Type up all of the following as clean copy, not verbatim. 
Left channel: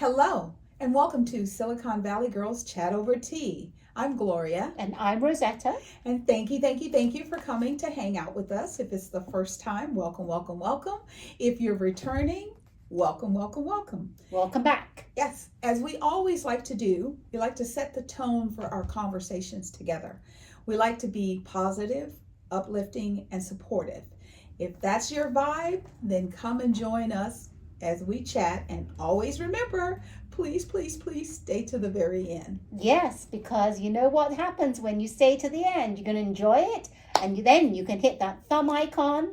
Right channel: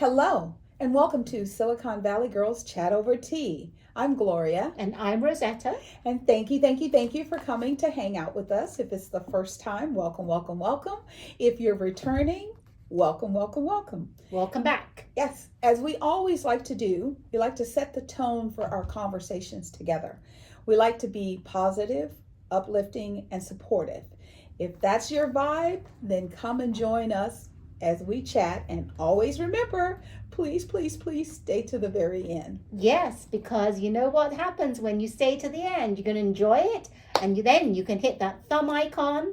Hello, and welcome to Silicon Valley Girls Chat Over Tea. I'm Gloria. And I'm Rosetta. And thank you for coming to hang out with us. If it's the first time, welcome, welcome, welcome. If you're returning, welcome, welcome, welcome. Welcome back. Yes, as we always like to do, we like to set the tone for our conversations together. We like to be positive, uplifting, and supportive. If that's your vibe, then come and join us as we chat. And always remember, please, please, please stay to the very end. Yes, because you know what happens when you stay to the end. You're going to enjoy it, and then you can hit that thumb icon.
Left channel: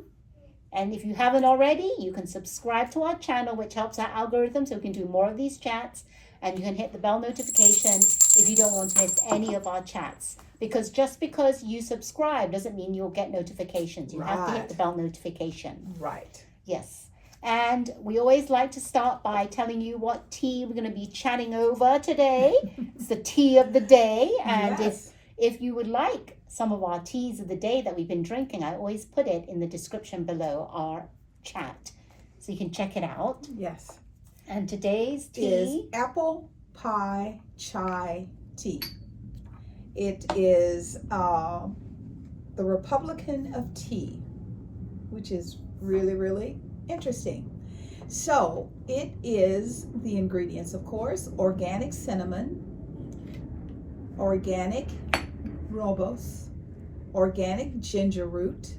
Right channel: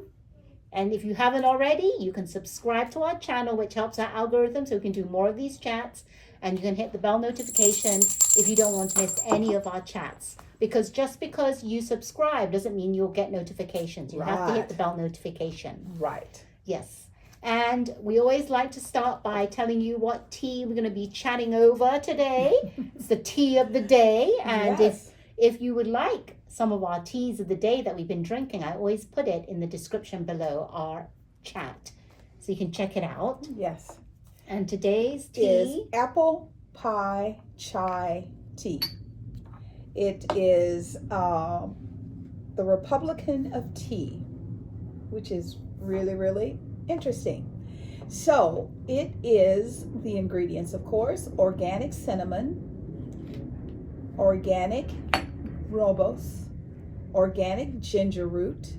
And if you haven't already, you can subscribe to our channel, which helps our algorithm so we can do more of these chats. And you can hit the bell notification if you don't want to miss any of our chats. Because just because you subscribe doesn't mean you'll get notifications. You have to hit the bell notification. Right. Yes. And we always like to start by telling you what tea we're going to be chatting over today. It's the tea of the day. And yes. if you would like some of our teas of the day that we've been drinking, I always put it in the description below our chat. So you can check it out. Yes. And today's tea is apple pie chai tea. It is the Republican of tea, which is really, really interesting. So it is the ingredients, of course: organic cinnamon, organic rooibos, organic ginger root,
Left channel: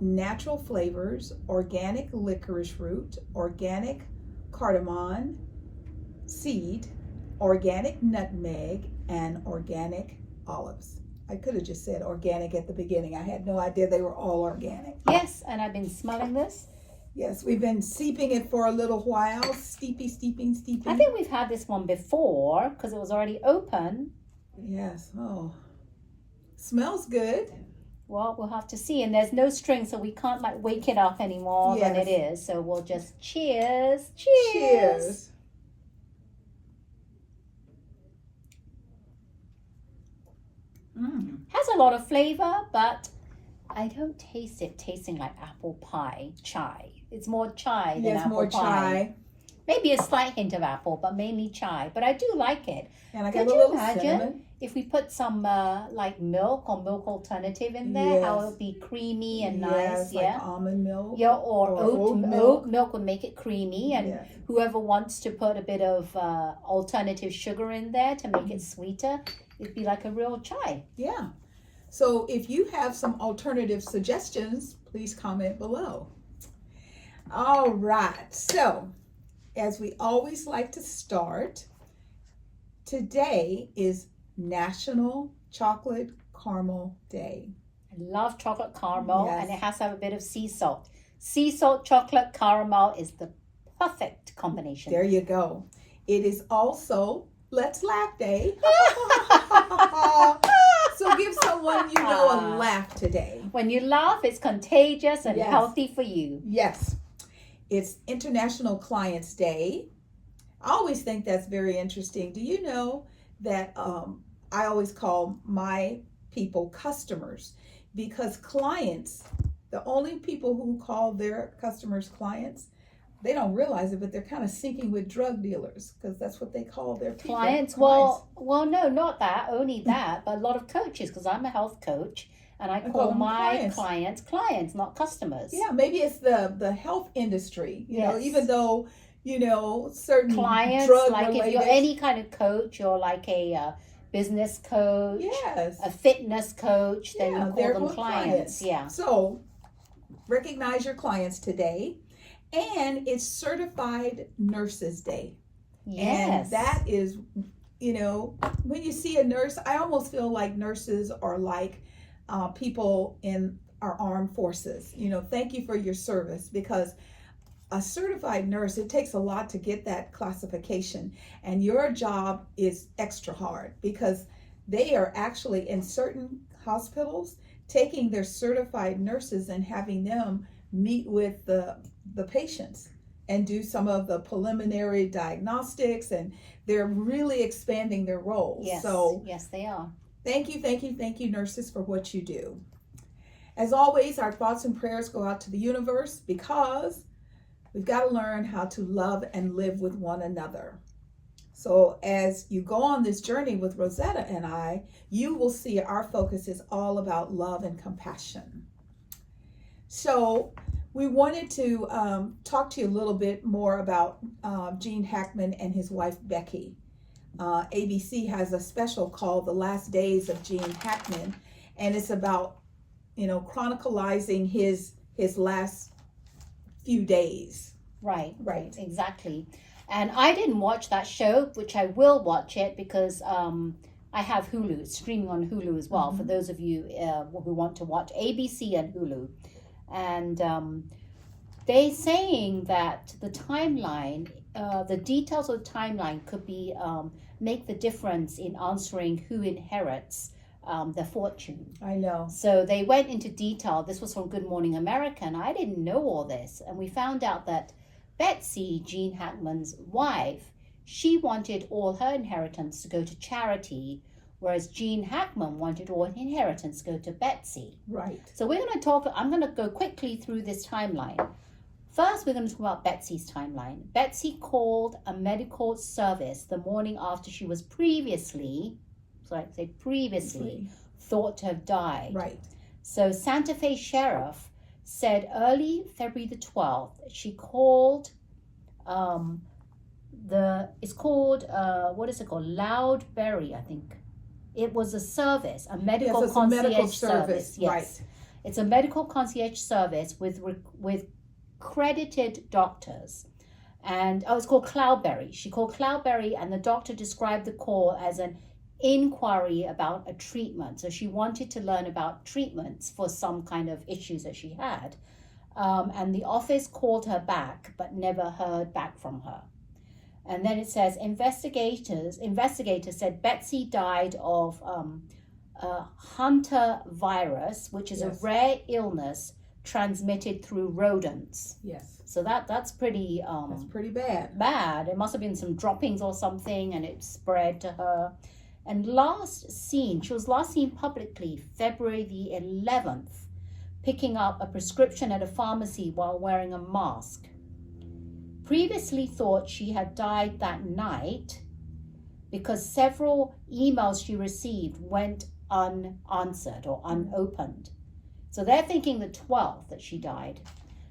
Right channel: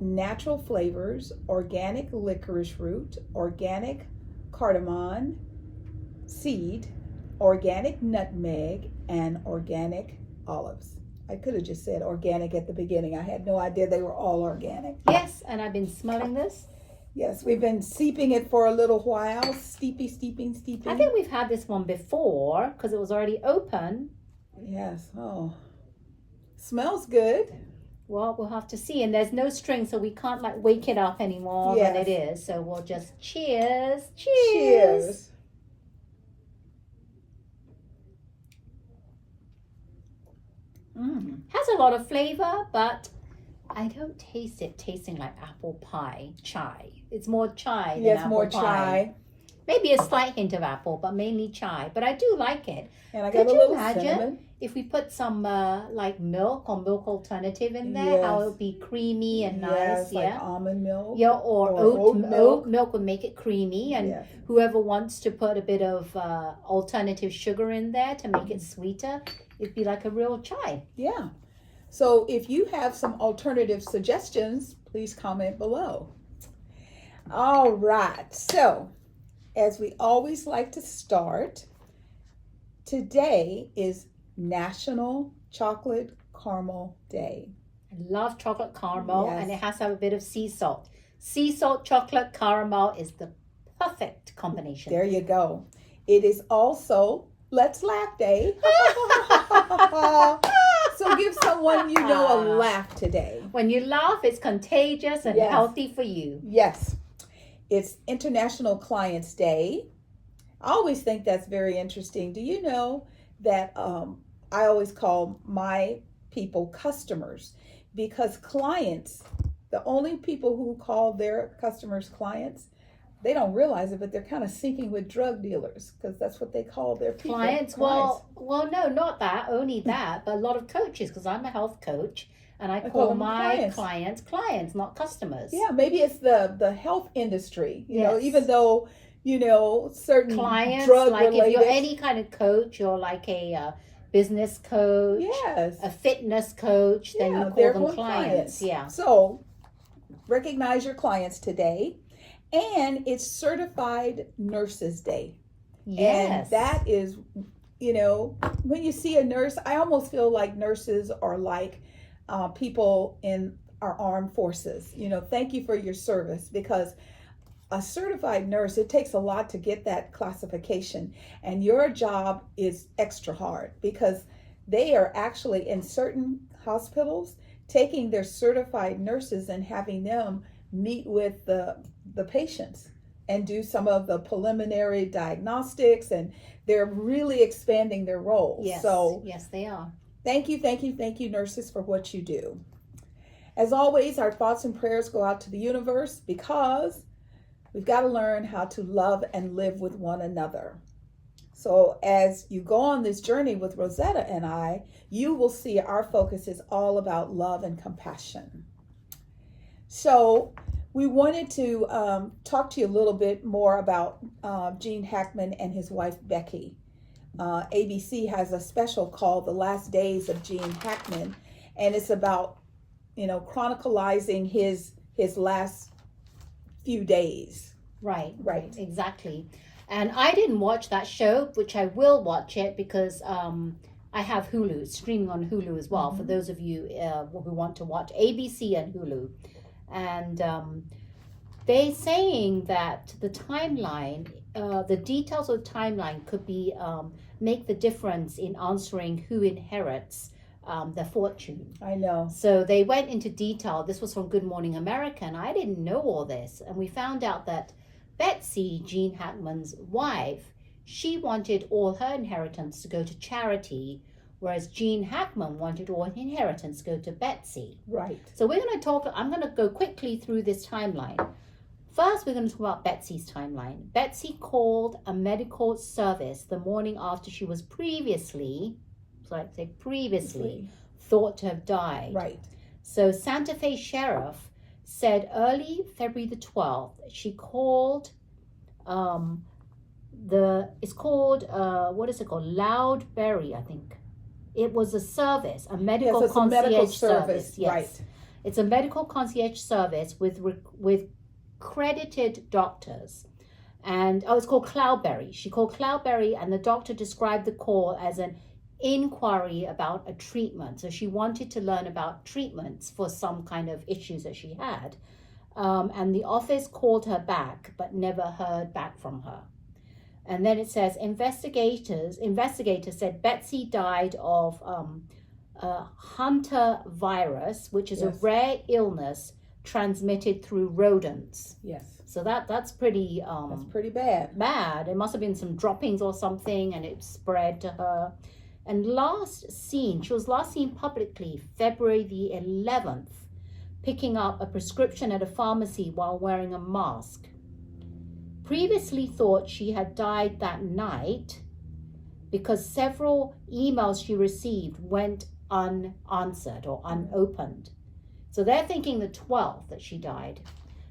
natural flavors, organic licorice root, organic cardamom seed, organic nutmeg, and organic olives. I could have just said organic at the beginning. I had no idea they were all organic. Yes, and I've been smelling this. Yes, we've been steeping it for a little while. Steeping. I think we've had this one before because it was already open. Yes. Oh, smells good. Well, we'll have to see. And there's no string, so we can't wake it up any more than it is. So we'll just cheers. Cheers. Has a lot of flavor, but I don't taste it tasting like apple pie chai. It's more chai than apple pie. Chai. Maybe a slight hint of apple, but mainly chai. But I do like it. And I Could got a you little imagine cinnamon. if we put some milk or milk alternative in there? How it would be creamy and nice. Like almond milk. Yeah, or oat milk would make it creamy. And whoever wants to put a bit of alternative sugar in there to make it sweeter, it'd be like a real chai. Yeah. So if you have some alternative suggestions, please comment below. All right. So as we always like to start, today is National Chocolate Caramel Day. I love chocolate caramel, and it has to have a bit of sea salt. Sea salt chocolate caramel is the perfect combination. There you go. It is also Let's Laugh Day. So give someone you know a laugh today. When you laugh, it's contagious and healthy for you. Yes. It's International Clients Day. I always think that's very interesting. Do you know that I always call my people customers? Because clients, the only people who call their customers clients, they don't realize it, but they're kind of syncing with drug dealers because that's what they call their people. Clients? Well, no, not that, only that, but a lot of coaches, because I'm a health coach, and I call my clients, not customers. Yeah, maybe it's the health industry, you know, even though, certain clients, drug like related. If you're any kind of coach, you're like a business coach, a fitness coach, then you call them clients. Yeah. So recognize your clients today. And it's Certified Nurses Day. Yes. And that is, when you see a nurse, I almost feel like nurses are like people in our armed forces. Thank you for your service, because a certified nurse, it takes a lot to get that classification. And your job is extra hard because they are actually in certain hospitals taking their certified nurses and having them meet with the patients and do some of the preliminary diagnostics, and they're really expanding their roles. Yes, so yes, they are. Thank you, nurses, for what you do. As always, our thoughts and prayers go out to the universe, because We've got to learn how to love and live with one another. So as you go on this journey with Rosetta and I, you will see our focus is all about love and compassion. So we wanted to talk to you a little bit more about Gene Hackman and his wife Becky. ABC has a special called The Last Days of Gene Hackman, and it's about, chronicalizing his last few days. Right, exactly. And I didn't watch that show, which I will watch it because I have Hulu. It's streaming on Hulu as well, for those of you who want to watch ABC and Hulu. And they're saying that the timeline, the details of the timeline could be make the difference in answering who inherits their fortune. I know. So they went into detail. This was from Good Morning America, and I didn't know all this. And we found out that Betsy, Gene Hackman's wife, she wanted all her inheritance to go to charity, whereas Gene Hackman wanted all his inheritance to go to Betsy. Right. So I'm going to go quickly through this timeline. First, we're going to talk about Betsy's timeline. Betsy called a medical service the morning after she was previously thought to have died. Right. So Santa Fe Sheriff said early February the 12th, she called Loudberry, I think. It was a service, a medical concierge service. Yes. Right. It's a medical concierge service with credited doctors. And it's called Cloudberry. She called Cloudberry, and the doctor described the call as an inquiry about a treatment. So she wanted to learn about treatments for some kind of issues that she had. And the office called her back, but never heard back from her. And then it says investigators said Betsy died of Hunter virus, which is a rare illness transmitted through rodents. Yes. So that's pretty that's pretty bad. Bad. It must have been some droppings or something, and it spread to her. And she was last seen publicly February the 11th, picking up a prescription at a pharmacy while wearing a mask. Previously thought she had died that night because several emails she received went unanswered or unopened. So they're thinking the 12th that she died.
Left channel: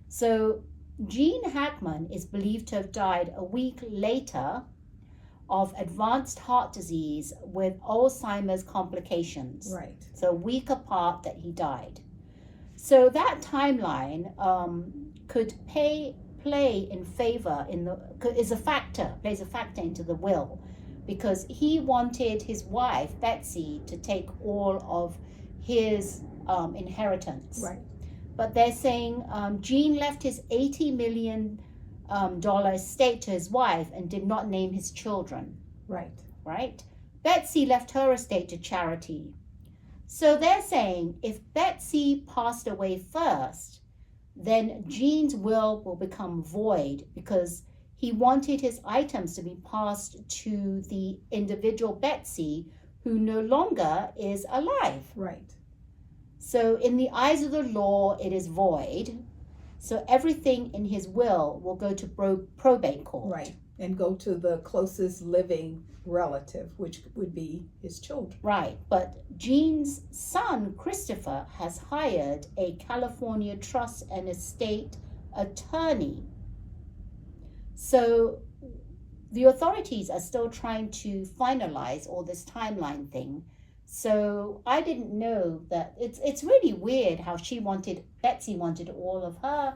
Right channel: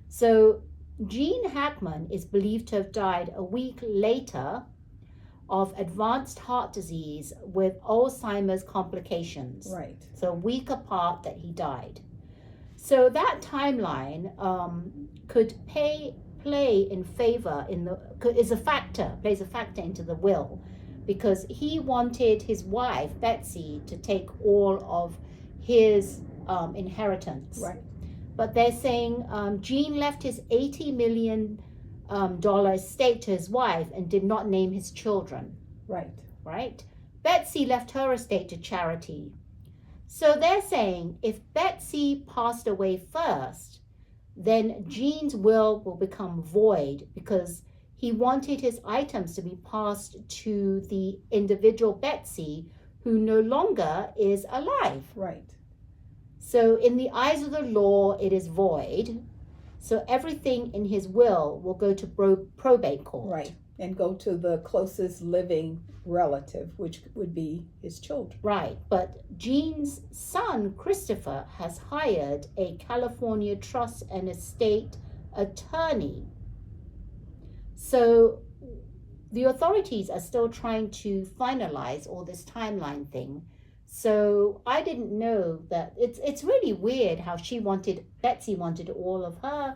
So Gene Hackman is believed to have died a week later of advanced heart disease with Alzheimer's complications. Right. So a week apart that he died. So that timeline could play in favor plays a factor into the will, because he wanted his wife Betsy to take all of his inheritance. Right. But they're saying Gene left his $80 million estate to his wife and did not name his children. Right. Betsy left her estate to charity. So they're saying if Betsy passed away first, then Gene's will become void because he wanted his items to be passed to the individual Betsy who no longer is alive. Right. So in the eyes of the law, it is void. So everything in his will go to probate court. Right. And go to the closest living relative, which would be his children. Right. But Gene's son, Christopher, has hired a California trust and estate attorney. So the authorities are still trying to finalize all this timeline thing. So I didn't know that. It's really weird how Betsy wanted all of her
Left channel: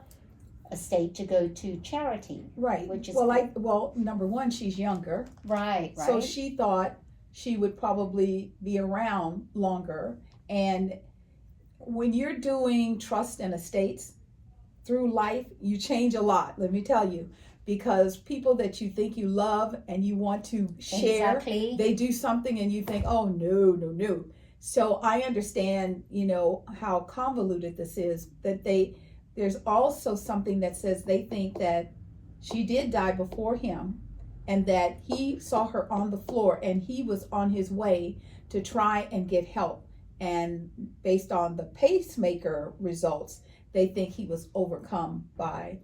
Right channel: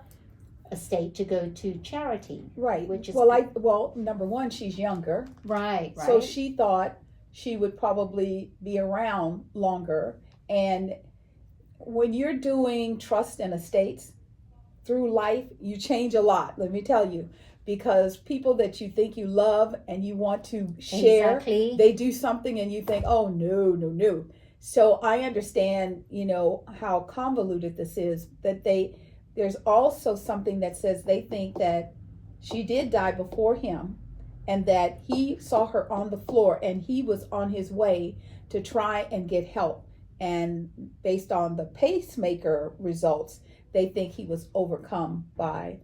estate to go to charity. Right. Which is number one, she's younger. Right. So she thought she would probably be around longer. And when you're doing trust and estates through life, you change a lot, let me tell you. Because people that you think you love and you want to share, they do something and you think, oh, no. So I understand, how convoluted this is, that there's also something that says they think that she did die before him and that he saw her on the floor and he was on his way to try and get help. And based on the pacemaker results, they think he was overcome by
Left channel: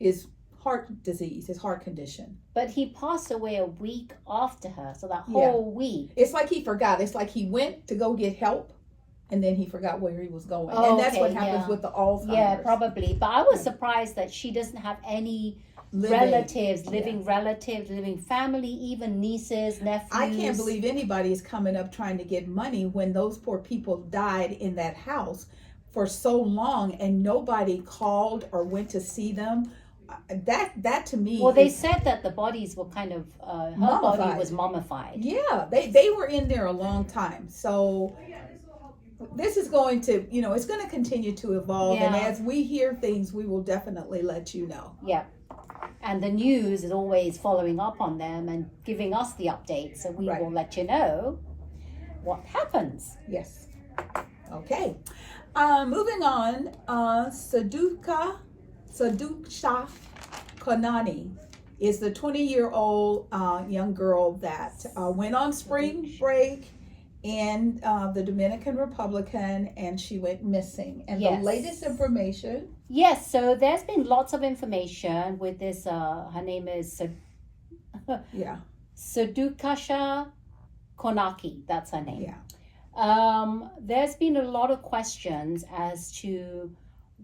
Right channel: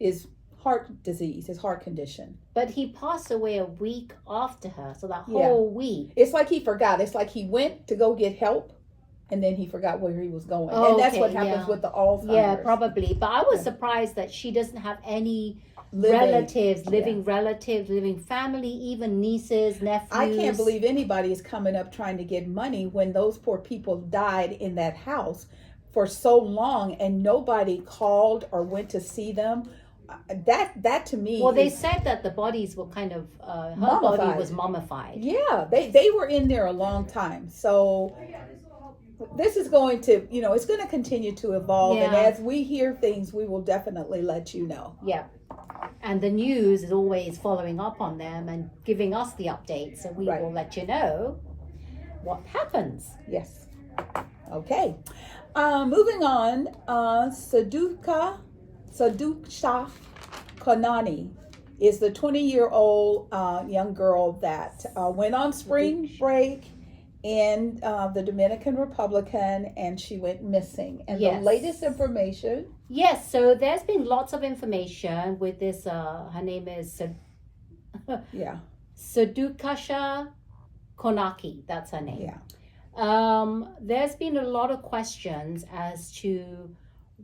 his heart disease, his heart condition. But he passed away a week after her, so that Yeah. whole week. It's like he forgot. It's like he went to go get help, and then he forgot where he was going. Oh, and that's okay, what happens yeah. with the Alzheimer's. Yeah, probably. But I was Yeah. surprised that she doesn't have any Living. relatives, living family, even nieces, nephews. I can't believe anybody is coming up trying to get money when those poor people died in that house for so long and nobody called or went to see them. That to me. Well, they is, said that the bodies were kind of, her Mummified. body was mummified. yeah, they were in there a long time. So this is going to, it's going to continue to evolve. And Yeah. as we hear things, we will definitely let you know. Yeah. And the news is always following up on them and giving us the updates. So we Right. will let you know what happens. Yes. Okay. Moving on, Sudiksha Konanki is the 20-year-old young girl that went on spring break in the Dominican Republic, and she went missing. And Yes. the latest information. Yes, so there's been lots of information with this. Her name is Yeah. Sudiksha Konanki. That's her name. Yeah. There's been a lot of questions as to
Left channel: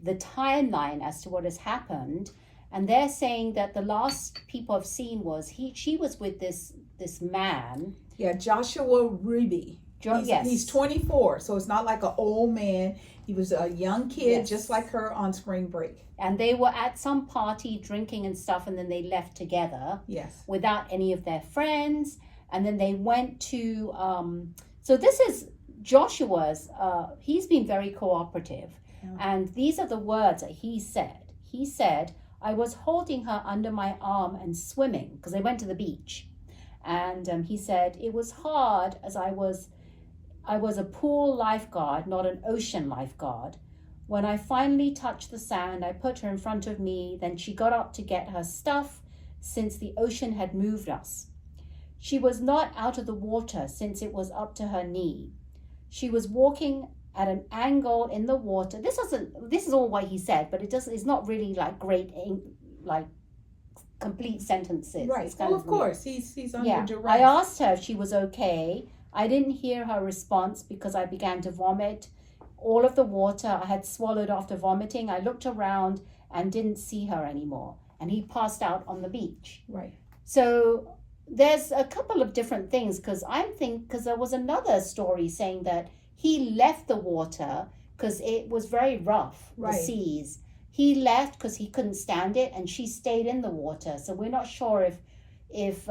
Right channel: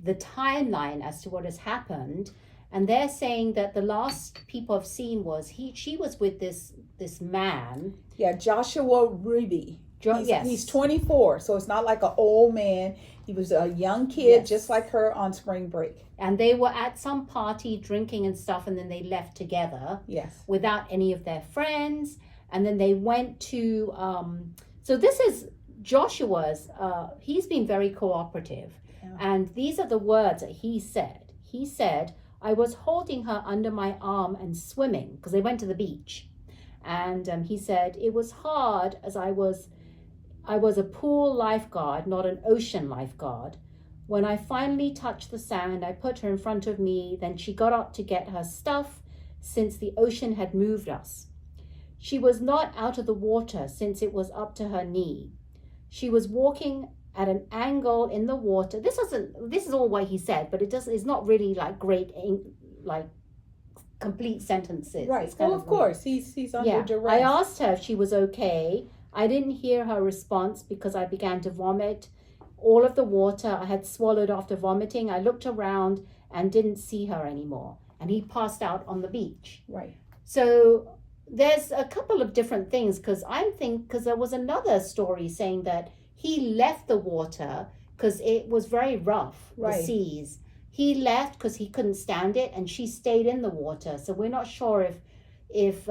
the timeline as to what has happened, and they're saying that the last people have seen was she was with this man. Yeah. Joshua Ruby. Yes. He's 24, so it's not like an old man. He was a young kid, Yes. just like her on spring break. And they were at some party drinking and stuff, and then they left together Yes. without any of their friends. And then they went to, so this is Joshua's, he's been very cooperative. Yeah. And these are the words that he said. He said, I was holding her under my arm and swimming, because they went to the beach. And he said, it was hard as I was a pool lifeguard, not an ocean lifeguard. When I finally touched the sand, I put her in front of me. Then she got up to get her stuff since the ocean had moved us. She was not out of the water since it was up to her knee. She was walking at an angle in the water. This is all what he said, but it's not really like great, like complete sentences. Right. It's kind Well, of weird. course, he's under duress. I asked her if she was okay. I didn't hear her response because I began to vomit. All of the water I had swallowed after vomiting. I looked around and didn't see her anymore. And he passed out on the beach. Right. So there's a couple of different things, because there was another story saying that he left the water because it was very rough, Right. the seas. He left because he couldn't stand it, and she stayed in the water. So we're not sure if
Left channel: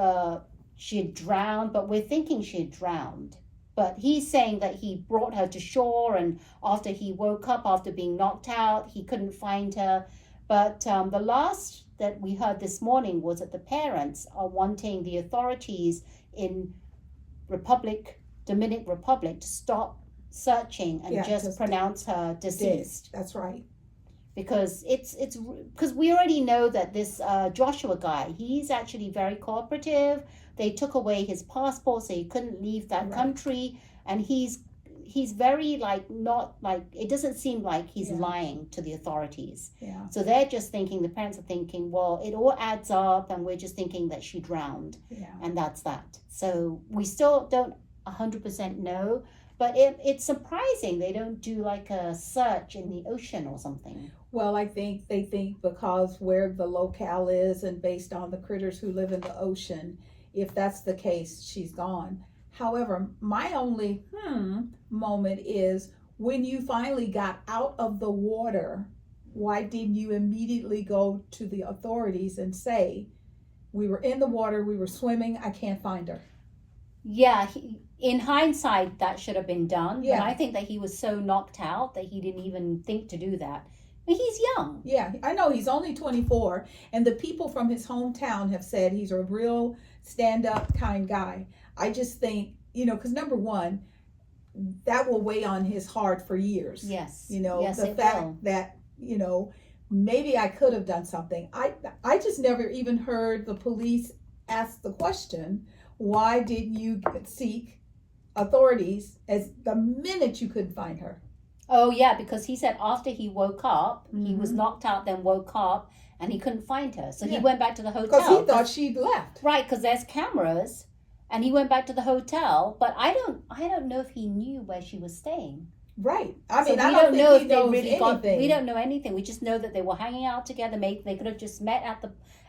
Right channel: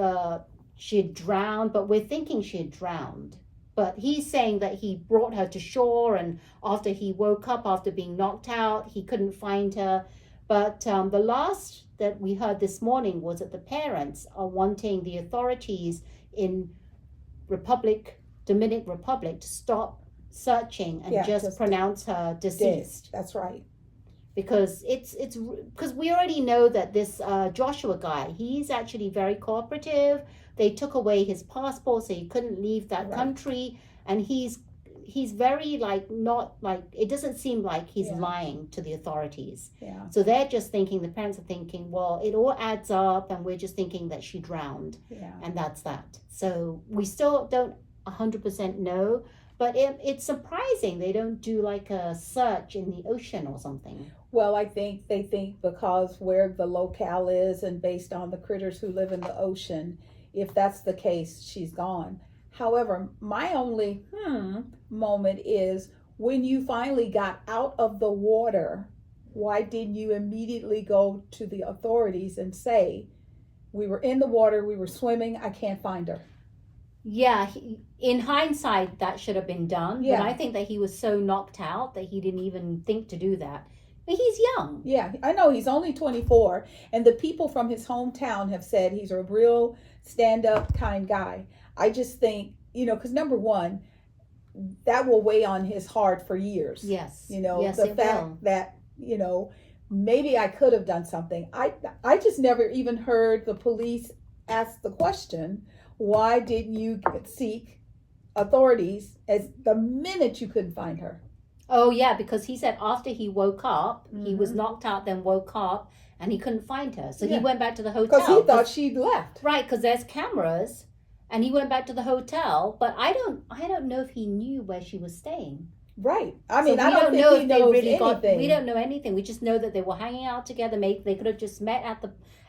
she had drowned, but we're thinking she had drowned. But he's saying that he brought her to shore, and after he woke up after being knocked out, he couldn't find her. But the last that we heard this morning was that the parents are wanting the authorities in Dominican Republic to stop searching and just pronounce her deceased. That's right. Because because we already know that this Joshua guy, he's actually very cooperative. They took away his passport, so he couldn't leave that Right. country, and he's very not like, it doesn't seem like he's Yeah. lying to the authorities. Yeah. So they're just thinking, the parents are thinking, well, it all adds up, and we're just thinking that she drowned, Yeah. and that's that. So we still don't 100% know, but it's surprising they don't do like a search in the ocean or something. Well, I think they think because where the locale is and based on the critters who live in the ocean, if that's the case, she's gone. However, my only moment is when you finally got out of the water, why didn't you immediately go to the authorities and say, we were in the water, we were swimming, I can't find her? Yeah, in hindsight, that should have been done. Yeah. But I think that he was so knocked out that he didn't even think to do that. But he's young. Yeah, I know, he's only 24, and the people from his hometown have said he's a real stand-up kind guy. I just think, because number one, that will weigh on his heart for years. Yes. The it fact will. that, maybe I could have done something. I just never even heard the police ask the question, why didn't you seek authorities as the minute you couldn't find her? Oh, yeah, because he said after he woke up, he was knocked out, then woke up, and he couldn't find her. So Yeah. he went back to the hotel. Because he thought she'd left. Right, because there's cameras, and he went back to the hotel. But I don't know if he knew where she was staying. Right. I So mean, we I don't don't know think if he they knows really got. anything. We don't know anything. We just know that they were hanging out together. Maybe they could have just met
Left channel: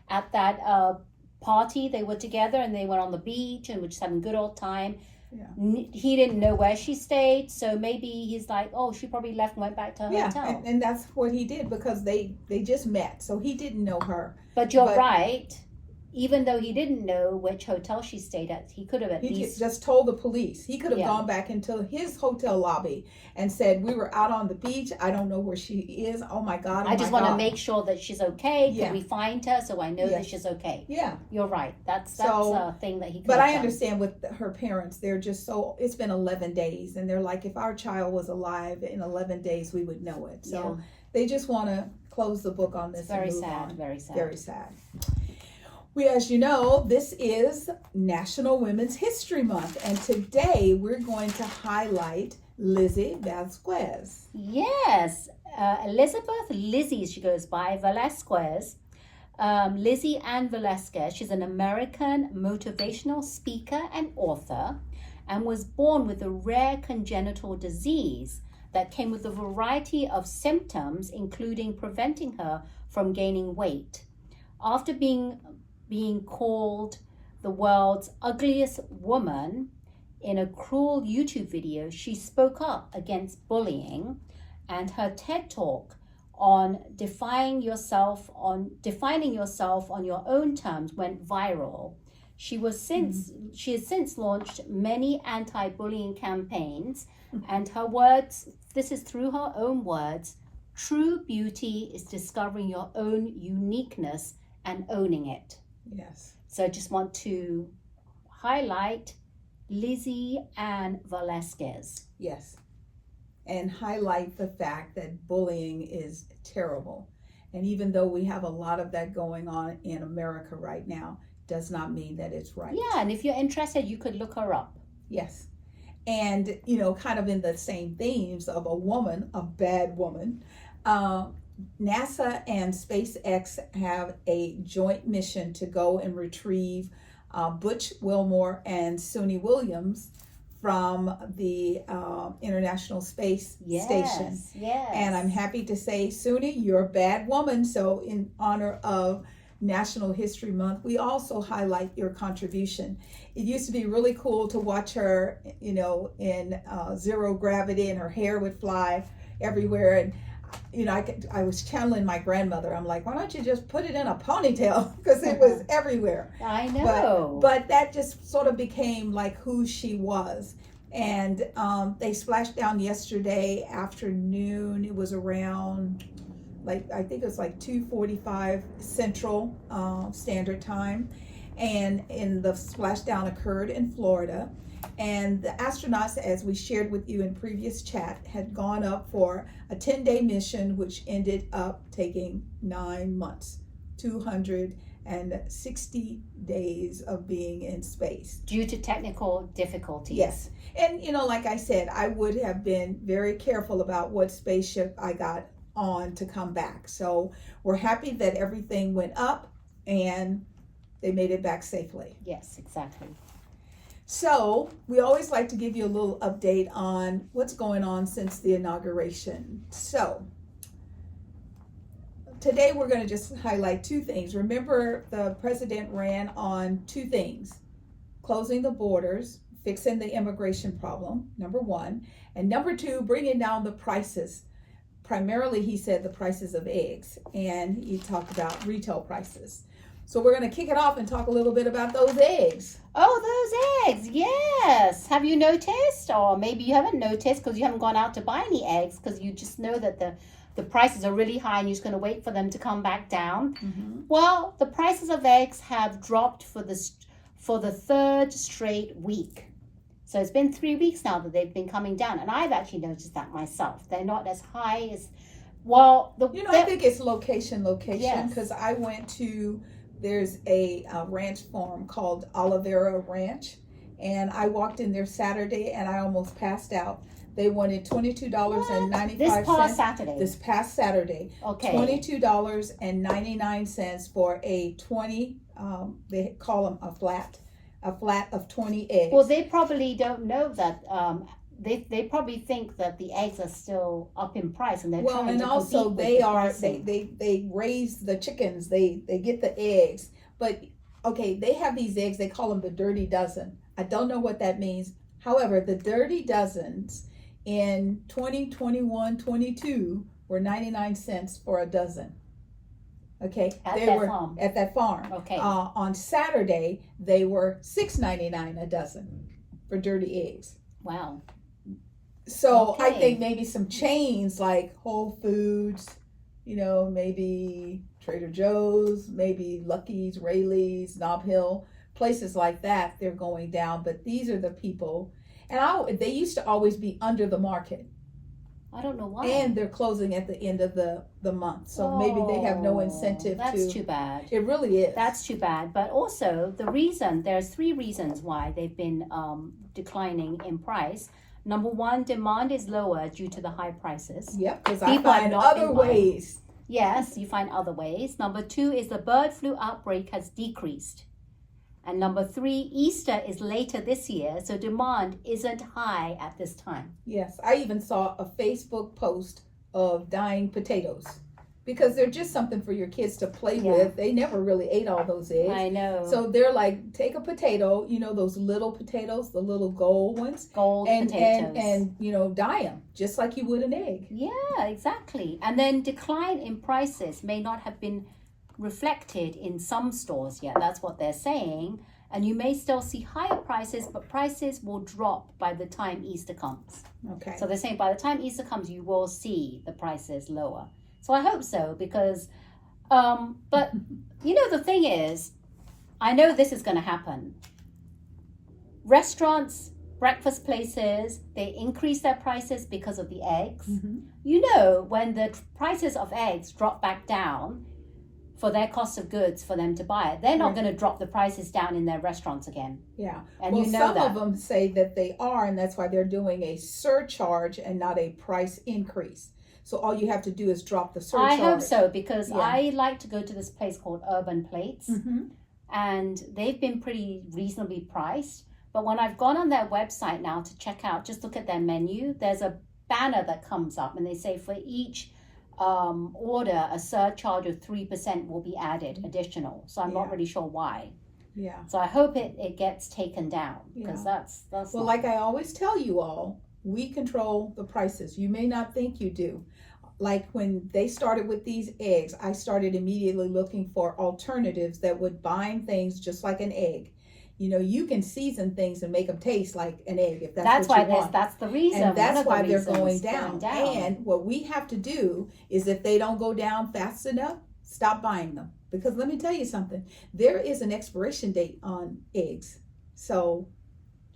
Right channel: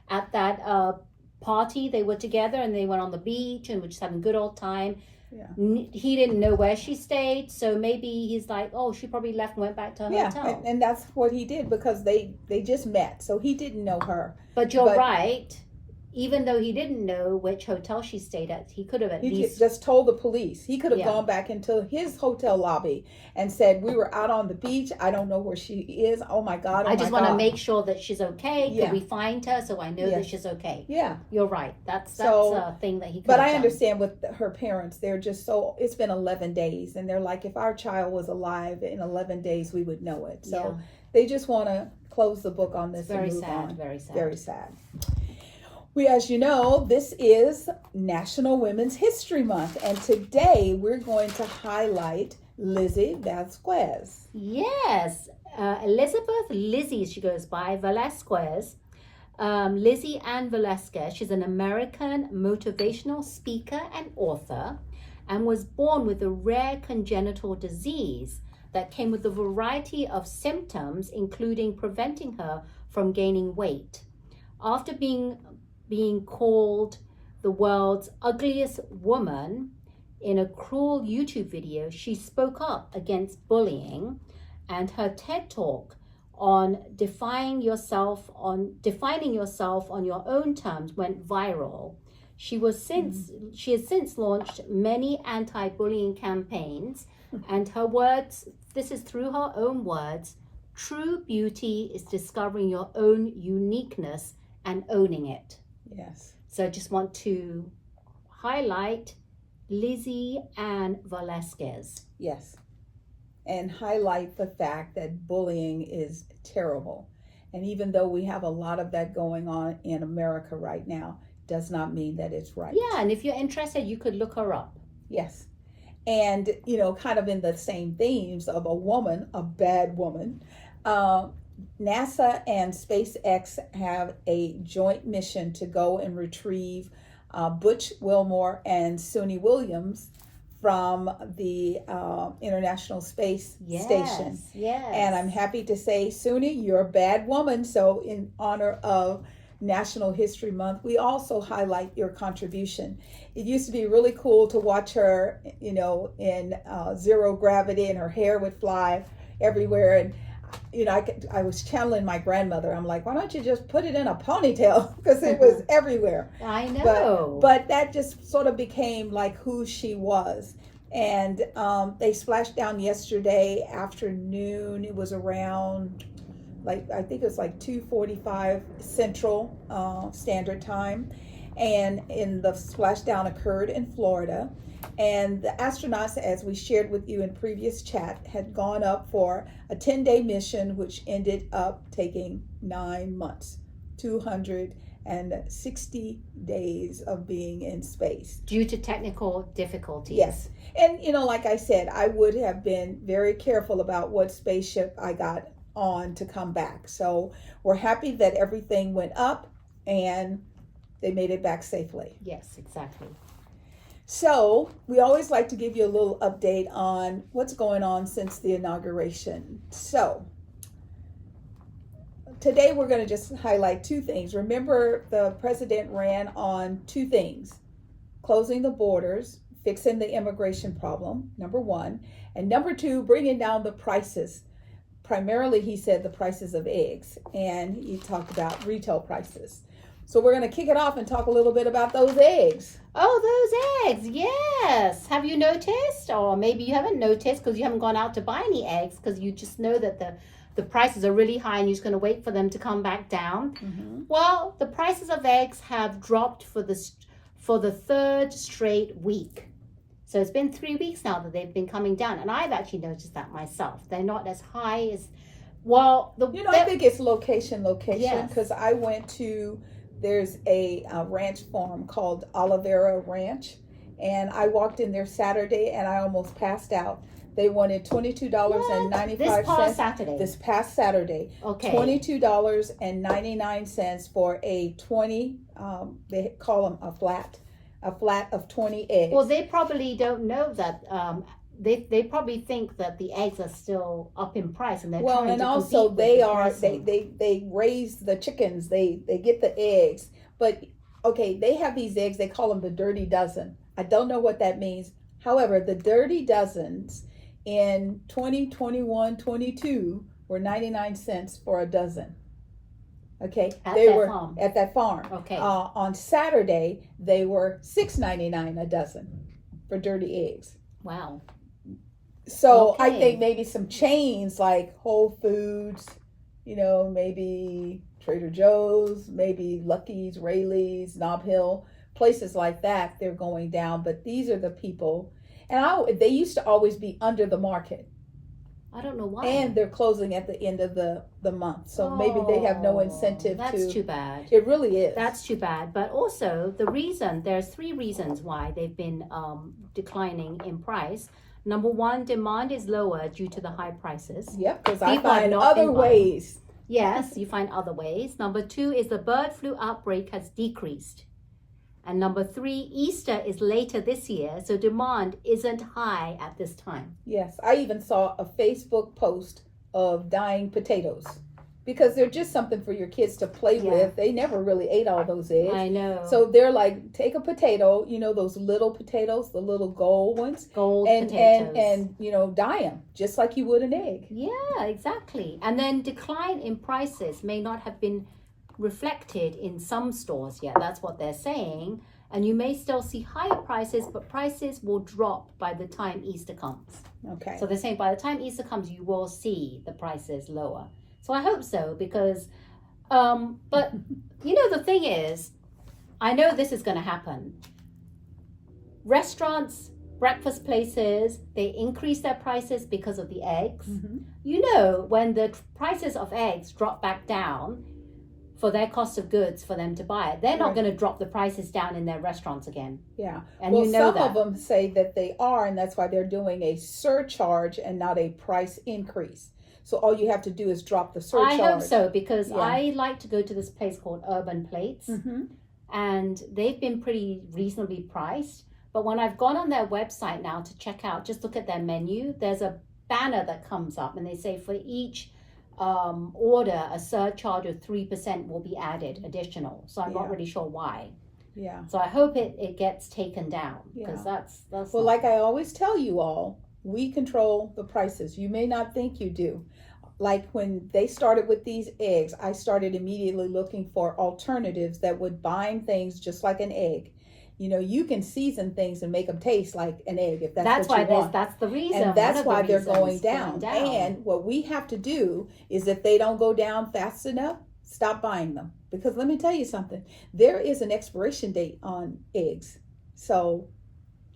at that party. They were together, and they went on the beach and were just having a good old time. Yeah. He didn't know where she stayed, so maybe he's like, oh, she probably left and went back to her hotel. Yeah, and that's what he did because they just met, so he didn't know her. But you're right. Even though he didn't know which hotel she stayed at, he could have at least just told the police. He could have Yeah. gone back into his hotel lobby and said, "We were out on the beach. I don't know where she is. Oh my God! I just want to make sure that she's okay. Yeah. Could we find her so I know Yeah. that she's okay?" Yeah, You're right. That's So- a thing that he could but have I done. understand with her parents. They're just so. It's been 11 days, and they're like, if our child was alive in 11 days, we would know it. So Yeah. they just want to close the book on this. It's very and move sad. on. Very sad. Very sad. As you know, this is National Women's History Month, and today we're going to highlight Lizzie Vasquez. Yes. Elizabeth Lizzie, she goes by, Velasquez. Lizzie Ann Velasquez. She's an American motivational speaker and author, and was born with a rare congenital disease that came with a variety of symptoms, including preventing her from gaining weight. After being called the world's ugliest woman in a cruel YouTube video, she spoke up against bullying, and her TED Talk on defining yourself on your own terms went viral. She has since launched many anti-bullying campaigns, and her words, this is through her own words, true beauty is discovering your own uniqueness and owning it. Yes. So I just want to highlight Lizzie Ann Velasquez. Yes. And highlight the fact that bullying is terrible. And even though we have a lot of that going on in America right now, does not mean that it's right. Yeah, and if you're interested, you could look her up. Yes. And, kind of in the same themes of a woman, a bad woman, NASA and SpaceX have a joint mission to go and retrieve Butch Wilmore and Suni Williams from the International Space Station. Yes. And I'm happy to say, Suni, you're a bad woman. So in honor of National History Month, we also highlight your contribution. It used to be really cool to watch her, in zero gravity, and her hair would fly everywhere. And I was channeling my grandmother. I'm like, why don't you just put it in a ponytail? Because it was everywhere. I know. But that just sort of became like who she was. And they splashed down yesterday afternoon. It was around, I think it was 2:45 Central Standard Time. And the splashdown occurred in Florida. And the astronauts, as we shared with you in previous chat, had gone up for a 10-day mission, which ended up taking 9 months, 260 days of being in space. Due to technical difficulties. Yes. And, like I said, I would have been very careful about what spaceship I got on to come back. So we're happy that everything went up and they made it back safely. Yes, exactly. So we always like to give you a little update on what's going on since the inauguration. So today we're going to just highlight two things. Remember, the president ran on two things: closing the borders, fixing the immigration problem, number one, and number two, bringing down the prices. Primarily, he said the prices of eggs, and he talked about retail prices. So we're going to kick it off and talk a little bit about those eggs. Oh, those eggs, yes. Have you noticed? Or maybe you haven't noticed because you haven't gone out to buy any eggs, because you just know that the prices are really high and you're just going to wait for them to come back down. Mm-hmm. Well, the prices of eggs have dropped for the third straight week. So it's been 3 weeks now that they've been coming down, and I've actually noticed that myself. They're not as high as, well, I think it's location, Yes. because I went to, there's a ranch farm called Oliveira Ranch, and I walked in there Saturday and I almost passed out They wanted $22.95. This past Saturday. This past Saturday. Okay. $22.99 for a 20. They call them a flat of 20 eggs. Well, they probably don't know that. They probably think that the eggs are still up in price, and they're trying and to also compete they with are they raise the chickens. They get the eggs, but okay, they have these eggs. They call them the dirty dozen. I don't know what that means. However, the dirty dozens in 2021-22 were 99 cents for a dozen. Okay, at that farm. Okay. On Saturday, they were $6.99 a dozen for dirty eggs. Wow. So Okay. I think maybe some chains like Whole Foods, maybe Trader Joe's, maybe Lucky's, Rayleigh's, Nob Hill, places like that, they're going down. But these are the people, and they used to always be under the market. I don't know why. And they're closing at the end of the month. So maybe they have no incentive That's too bad. It really is. That's too bad. But also there's 3 reasons why they've been declining in price. Number 1, demand is lower due to the high prices. Yep, because I People have find not other been buying. ways. Yes, you find other ways. Number 2 is the bird flu outbreak has decreased. And number 3, Easter is later this year, so demand isn't high at this time. Yes, I even saw a Facebook post of dying potatoes because they're just something for your kids to play with. They never really ate all those eggs. I know. So they're like, take a potato, those little potatoes, the little gold ones. Potatoes. And dye them just like you would an egg. Yeah, exactly. And then decline in prices may not have been reflected in some stores yet. That's what they're saying. And you may still see higher prices, but prices will drop by the time Easter comes. Okay. So they're saying by the time Easter comes, you will see the prices lower. So I hope so, because, but the thing is, I know this is going to happen. Restaurants, breakfast places, they increase their prices because of the eggs. Mm-hmm. When the prices of eggs drop back down for their cost of goods for them to buy it, they're not going to drop the prices down in their restaurants again. Yeah. And some of them say that they are, and that's why they're doing a surcharge and not a price increase. So all you have to do is drop the surcharge. I hope so, because I like to go to this place called Urban Plates, and they've been pretty reasonably priced. But when I've gone on their website now to check out, just look at their menu, there's a banner that comes up, and they say for each order, a surcharge of 3% will be added additional. So I'm not really sure why. Yeah. So I hope it gets taken down, because that's well, like I always tell you all, we control the prices. You may not think you do. Like when they started with these eggs, I started immediately looking for alternatives that would bind things just like an egg. You can season things and make them taste like an egg if that's what you want. That's the reason. And that's why they're going down. And what we have to do is, if they don't go down fast enough, stop buying them. Because let me tell you something, there is an expiration date on eggs. So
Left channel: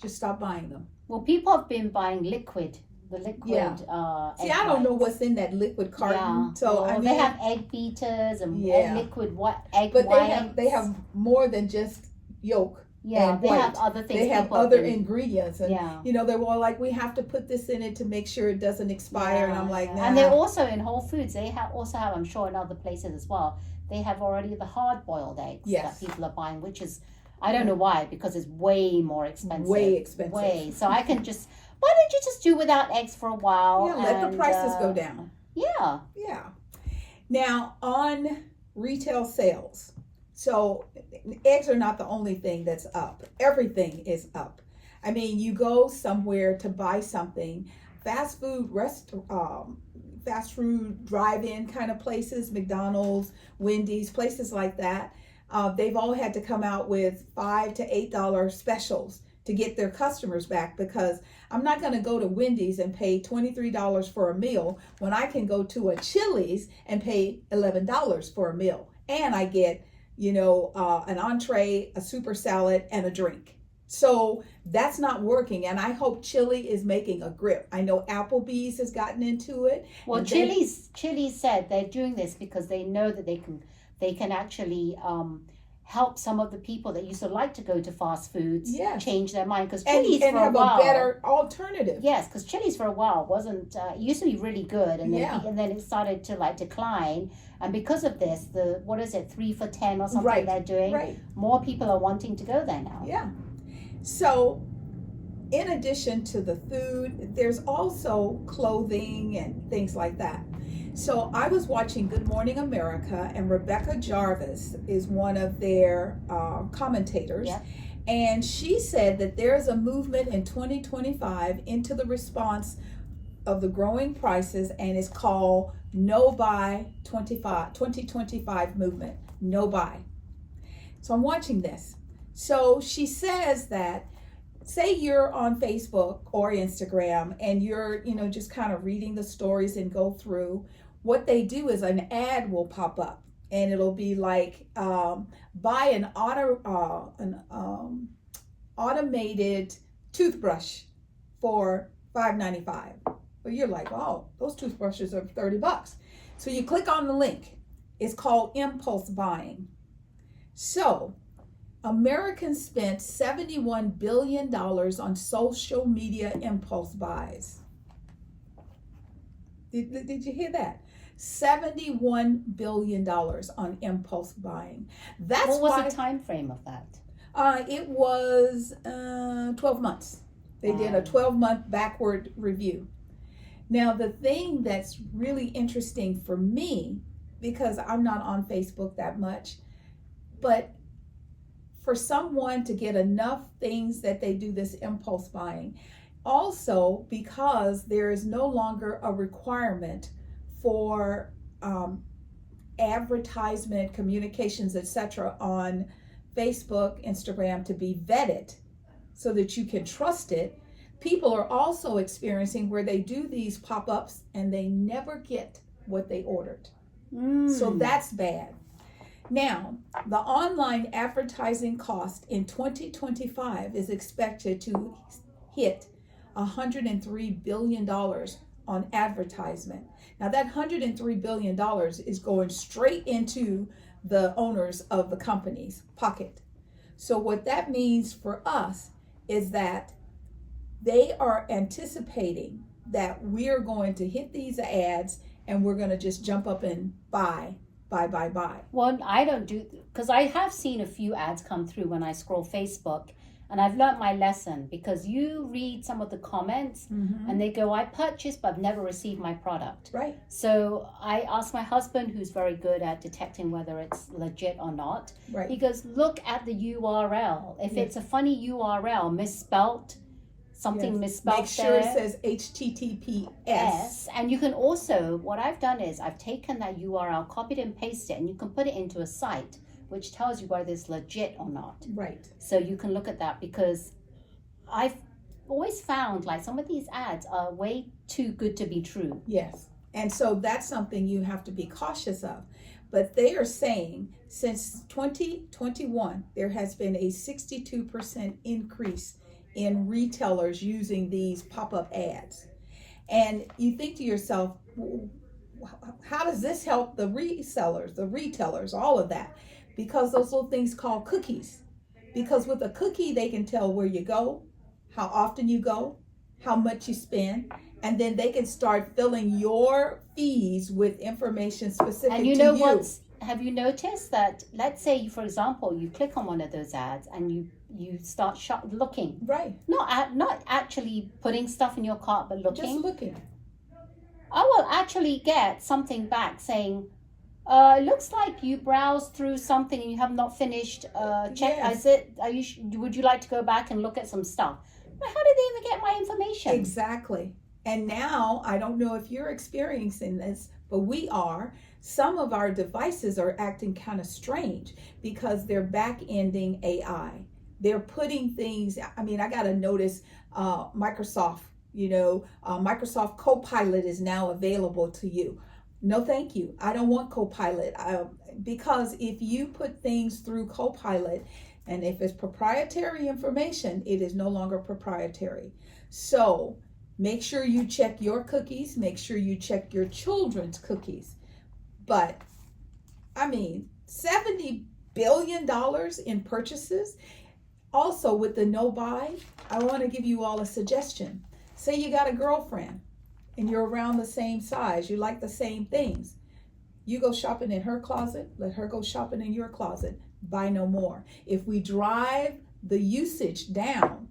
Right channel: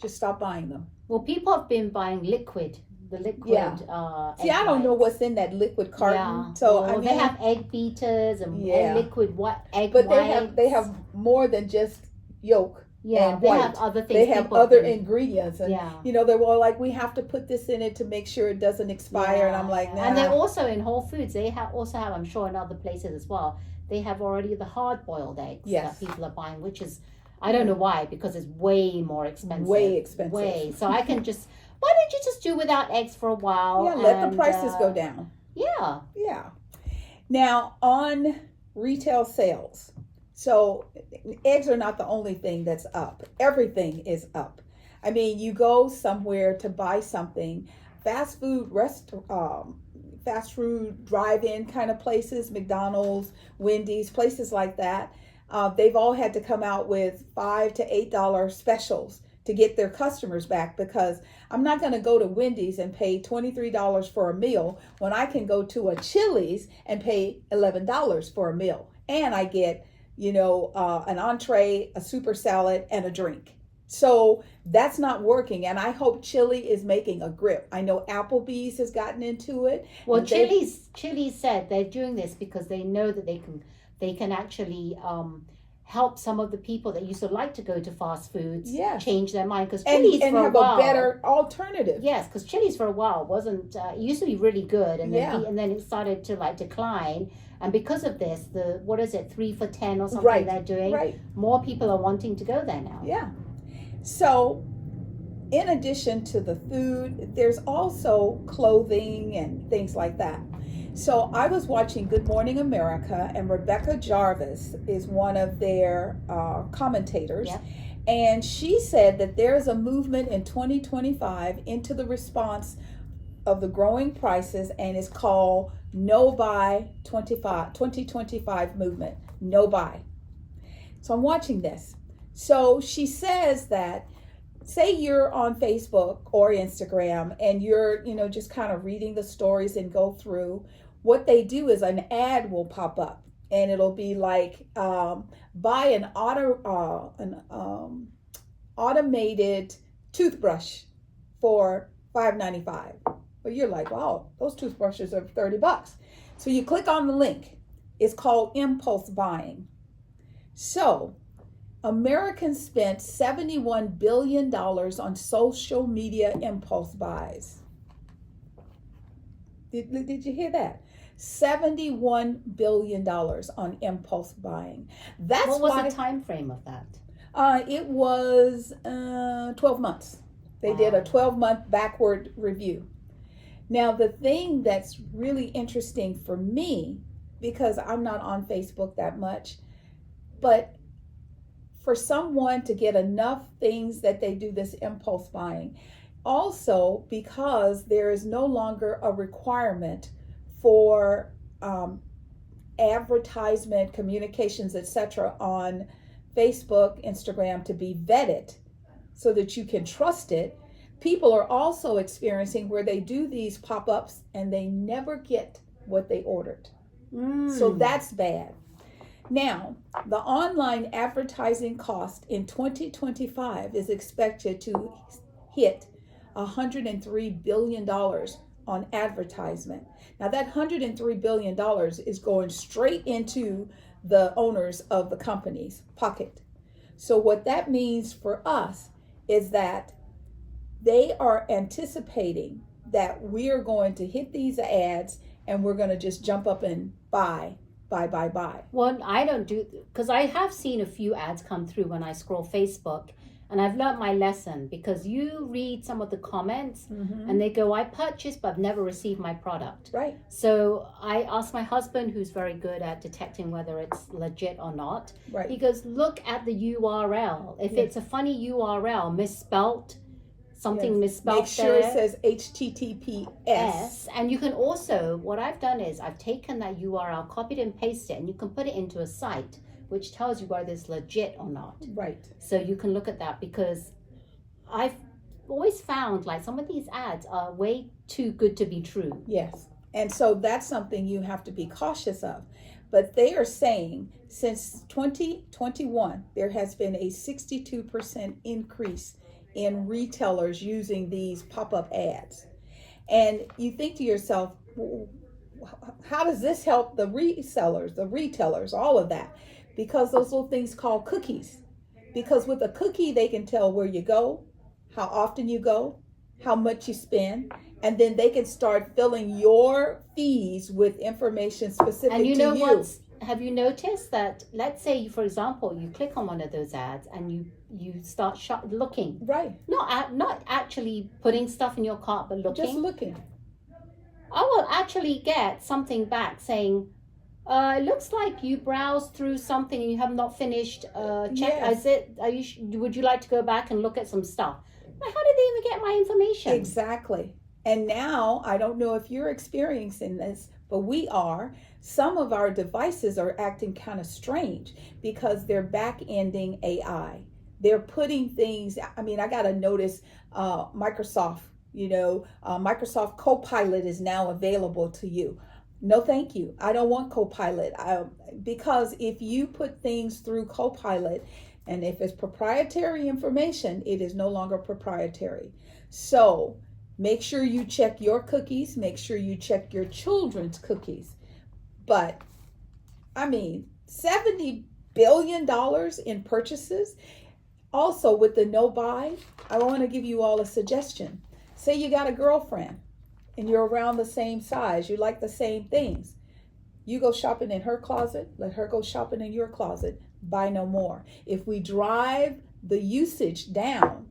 just stop buying them. Well, people have been buying the liquid. See, I don't know what's in that liquid carton. Yeah. So they have egg beaters and liquid egg whites. But they have more than just yolk. Yeah, they have other things. They have other ingredients, and they were like, we have to put this in it to make sure it doesn't expire. And I'm like, nah. And they're also in Whole Foods. They also have, I'm sure, in other places as well. They have already the hard-boiled eggs that people are buying, which is, I don't know why, because it's way more expensive. Way expensive. So I can just. Why don't you just do without eggs for a while? Yeah, let the prices go down. Yeah. Yeah. Now, on retail sales, so eggs are not the only thing that's up. Everything is up. I mean, you go somewhere to buy something, fast food drive-in kind of places, McDonald's, Wendy's, places like that. They've all had to come out with $5 to $8 specials to get their customers back, because I'm not going to go to Wendy's and pay $23 for a meal when I can go to a Chili's and pay $11 for a meal. And I get, an entree, a super salad, and a drink. So that's not working. And I hope Chili is making a grip. I know Applebee's has gotten into it. Well, Chili's said they're doing this because they know that they can actually help some of the people that used to like to go to fast foods change their mind, because Chili's and for have a while, a better alternative. Yes, because Chili's for a while wasn't. It used to be really good, and then it started to like decline. And because of this, the what is it, 3 for $10 or something they're doing? Right. More people are wanting to go there now. Yeah. So, in addition to the food, there's also clothing and things like that. So I was watching Good Morning America, and Rebecca Jarvis is one of their commentators. Yep. And she said that there's a movement in 2025 into the response of the growing prices, and it's called No Buy 2025 movement. No buy. So I'm watching this. So she says that, say you're on Facebook or Instagram and you're, just kind of reading the stories and go through, what they do is an ad will pop up, and it'll be like, buy an automated toothbrush for $5.95. Well, you're like, oh, those toothbrushes are $30. So you click on the link. It's called impulse buying. So Americans spent $71 billion on social media impulse buys. Did you hear that? $71 billion on impulse buying. What was the time frame of that? It was 12 months. They did a 12-month backward review. Now, the thing that's really interesting for me, because I'm not on Facebook that much, but for someone to get enough things that they do this impulse buying, also because there is no longer a requirement for advertisement, communications, etc. on Facebook, Instagram to be vetted so that you can trust it. People are also experiencing where they do these pop-ups and they never get what they ordered. So that's bad. Now, the online advertising cost in 2025 is expected to hit $103 billion on advertisement. Now, that $103 billion is going straight into the owners of the company's pocket. So what that means for us is that they are anticipating that we are going to hit these ads and we're going to just jump up and buy. Well, I don't do, because I have seen a few ads come through when I scroll Facebook, and I've learned my lesson, because you read some of the comments and they go, I purchased but I've never received my product. Right. So I asked my husband, who's very good at detecting whether it's legit or not. Right. He goes, look at the URL. If it's a funny URL, misspelt, something misspelled, make sure it says HTTPS. And you can also, what I've done is I've taken that URL, copied and pasted it, and you can put it into a site which tells you whether it's legit or not. Right. So you can look at that, because I've always found like some of these ads are way too good to be true. Yes. And so that's something you have to be cautious of. But they are saying since 2021, there has been a 62% increase in retailers using these pop-up ads. And you think to yourself, how does this help the resellers, the retailers, all of that? Because those little things called cookies. Because with a cookie, they can tell where you go, how often you go, how much you spend, and then they can start filling your fees with information specific to you. And you know what? Have you noticed that, let's say, for example, you click on one of those ads and you start looking. Right. Not actually putting stuff in your cart, but looking. Just looking. I will actually get something back saying, it looks like you browsed through something and you have not finished. Check. Yes. Would you like to go back and look at some stuff? How did they even get my information? Exactly. And now, I don't know if you're experiencing this, but we are. Some of our devices are acting kind of strange because they're back-ending AI. They're putting things, I got to notice Microsoft, Microsoft Copilot is now available to you. No, thank you. I don't want Copilot. Because if you put things through Copilot, and if it's proprietary information, it is no longer proprietary. So make sure you check your cookies. Make sure you check your children's cookies. But, $70 billion in purchases. Also, with the no buy, I want to give you all a suggestion. Say you got a girlfriend and you're around the same size, you like the same things. You go shopping in her closet, let her go shopping in your closet. Buy no more. If we drive the usage down,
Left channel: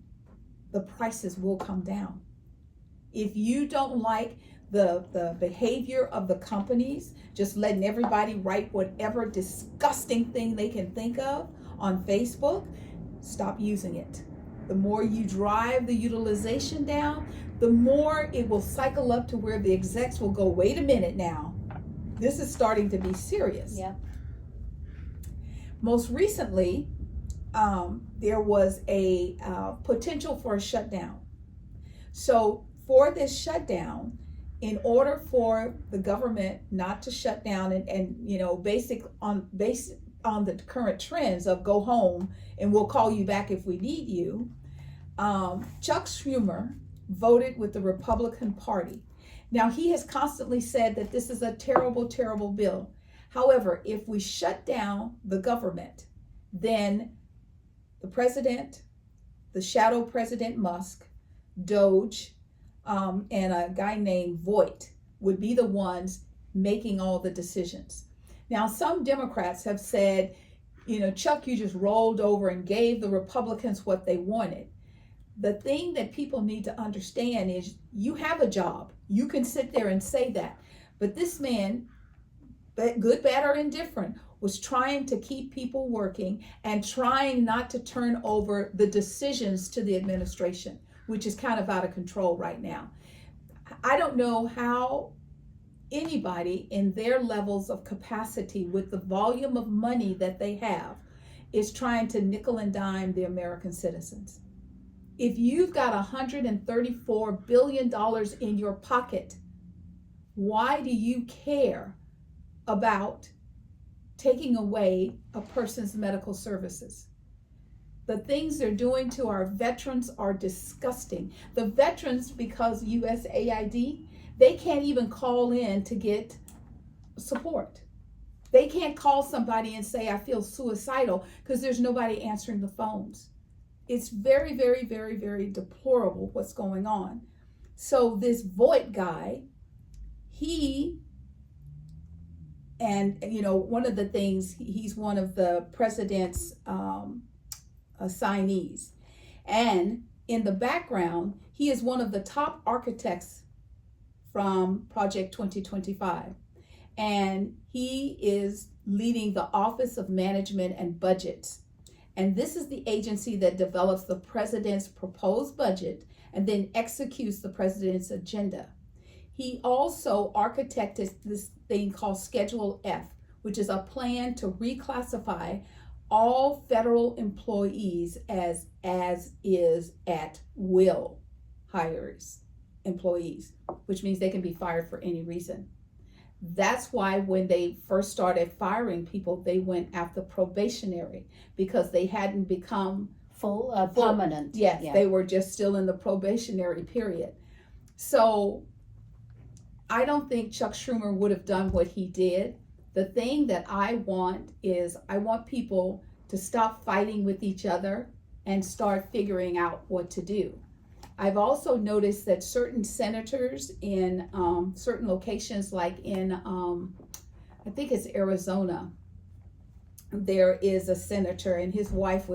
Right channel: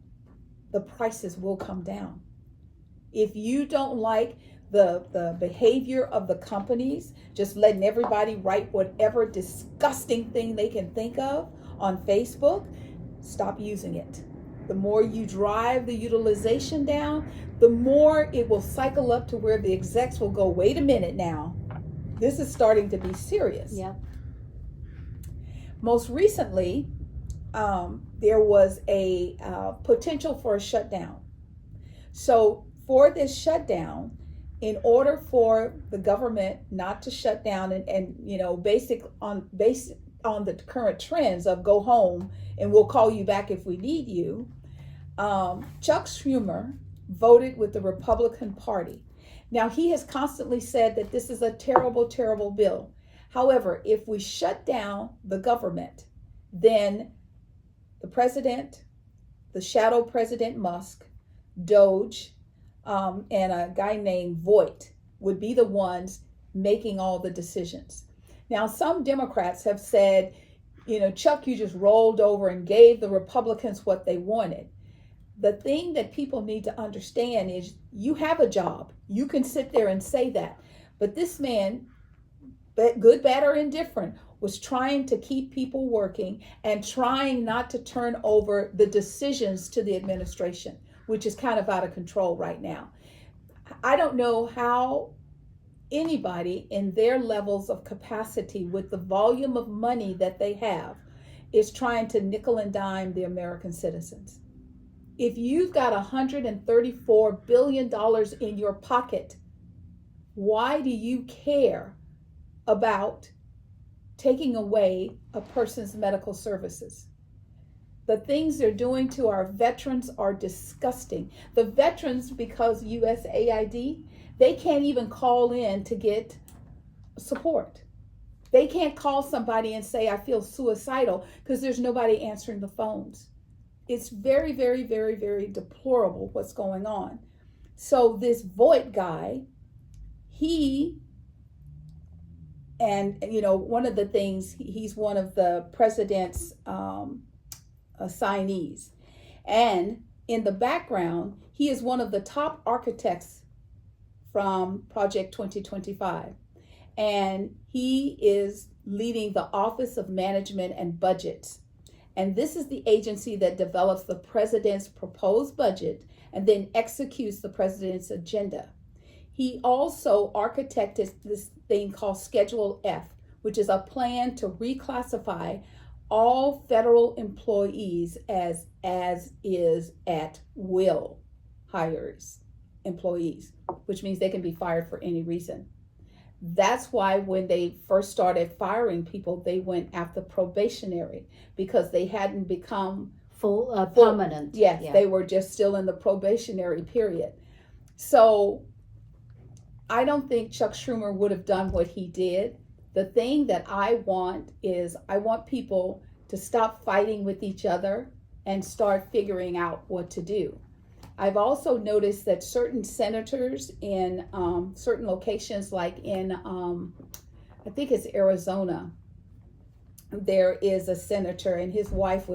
the prices will come down. If you don't like the behavior of the companies, just letting everybody write whatever disgusting thing they can think of on Facebook, stop using it. The more you drive the utilization down, the more it will cycle up to where the execs will go, wait a minute now, this is starting to be serious. Yeah. Most recently, there was a potential for a shutdown. So for this shutdown, in order for the government not to shut down and you know, based on the current trends of go home and we'll call you back if we need you, Chuck Schumer voted with the Republican Party. Now, he has constantly said that this is a terrible, terrible bill. However, if we shut down the government, then the president, the shadow President Musk, Doge, and a guy named Voight would be the ones making all the decisions. Now, some Democrats have said, you know, Chuck, you just rolled over and gave the Republicans what they wanted. The thing that people need to understand is you have a job. You can sit there and say that. But this man, good, bad, or indifferent, was trying to keep people working and trying not to turn over the decisions to the administration, which is kind of out of control right now. I don't know how anybody in their levels of capacity with the volume of money that they have is trying to nickel and dime the American citizens. If you've got $134 billion in your pocket, why do you care about taking away a person's medical services? The things they're doing to our veterans are disgusting. The veterans, because USAID, they can't even call in to get support. They can't call somebody and say, I feel suicidal, because there's nobody answering the phones. It's very, very, very, very deplorable what's going on. So this Voight guy, and you know, one of the things, he's one of the president's assignees. And in the background, he is one of the top architects from Project 2025. And he is leading the Office of Management and Budgets. And this is the agency that develops the president's proposed budget and then executes the president's agenda. He also architected this thing called Schedule F, which is a plan to reclassify all federal employees as is at will hires employees, which means they can be fired for any reason. That's why when they first started firing people, they went after probationary, because they hadn't become full permanent. Yes, yeah. They were just still in the probationary period. So I don't think Chuck Schumer would have done what he did. The thing that I want is I want people to stop fighting with each other and start figuring out what to do. I've also noticed that certain senators in certain locations, like in, I think it's Arizona, there is a senator, and his wife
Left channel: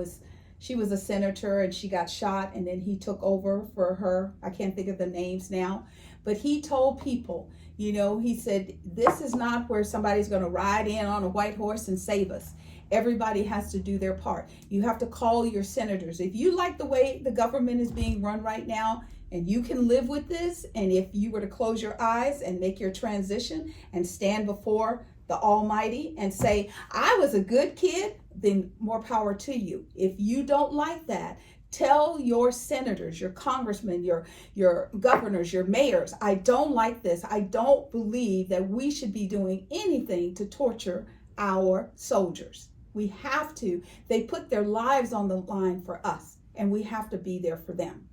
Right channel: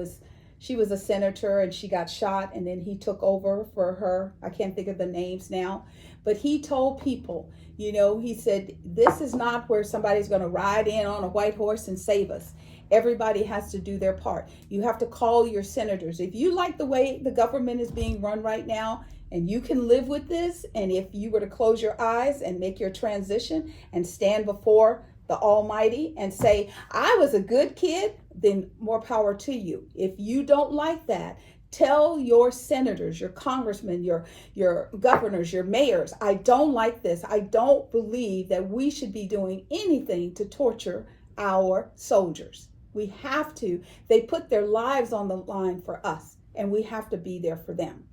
she was a senator and she got shot, and then he took over for her. I can't think of the names now, but he told people, you know, he said, this is not where somebody's going to ride in on a white horse and save us. Everybody has to do their part. You have to call your senators. If you like the way the government is being run right now, and you can live with this, and if you were to close your eyes and make your transition and stand before the Almighty and say, I was a good kid, then more power to you. If you don't like that, tell your senators, your congressmen, your governors, your mayors, I don't like this. I don't believe that we should be doing anything to torture our soldiers. We have to. They put their lives on the line for us, and we have to be there for them.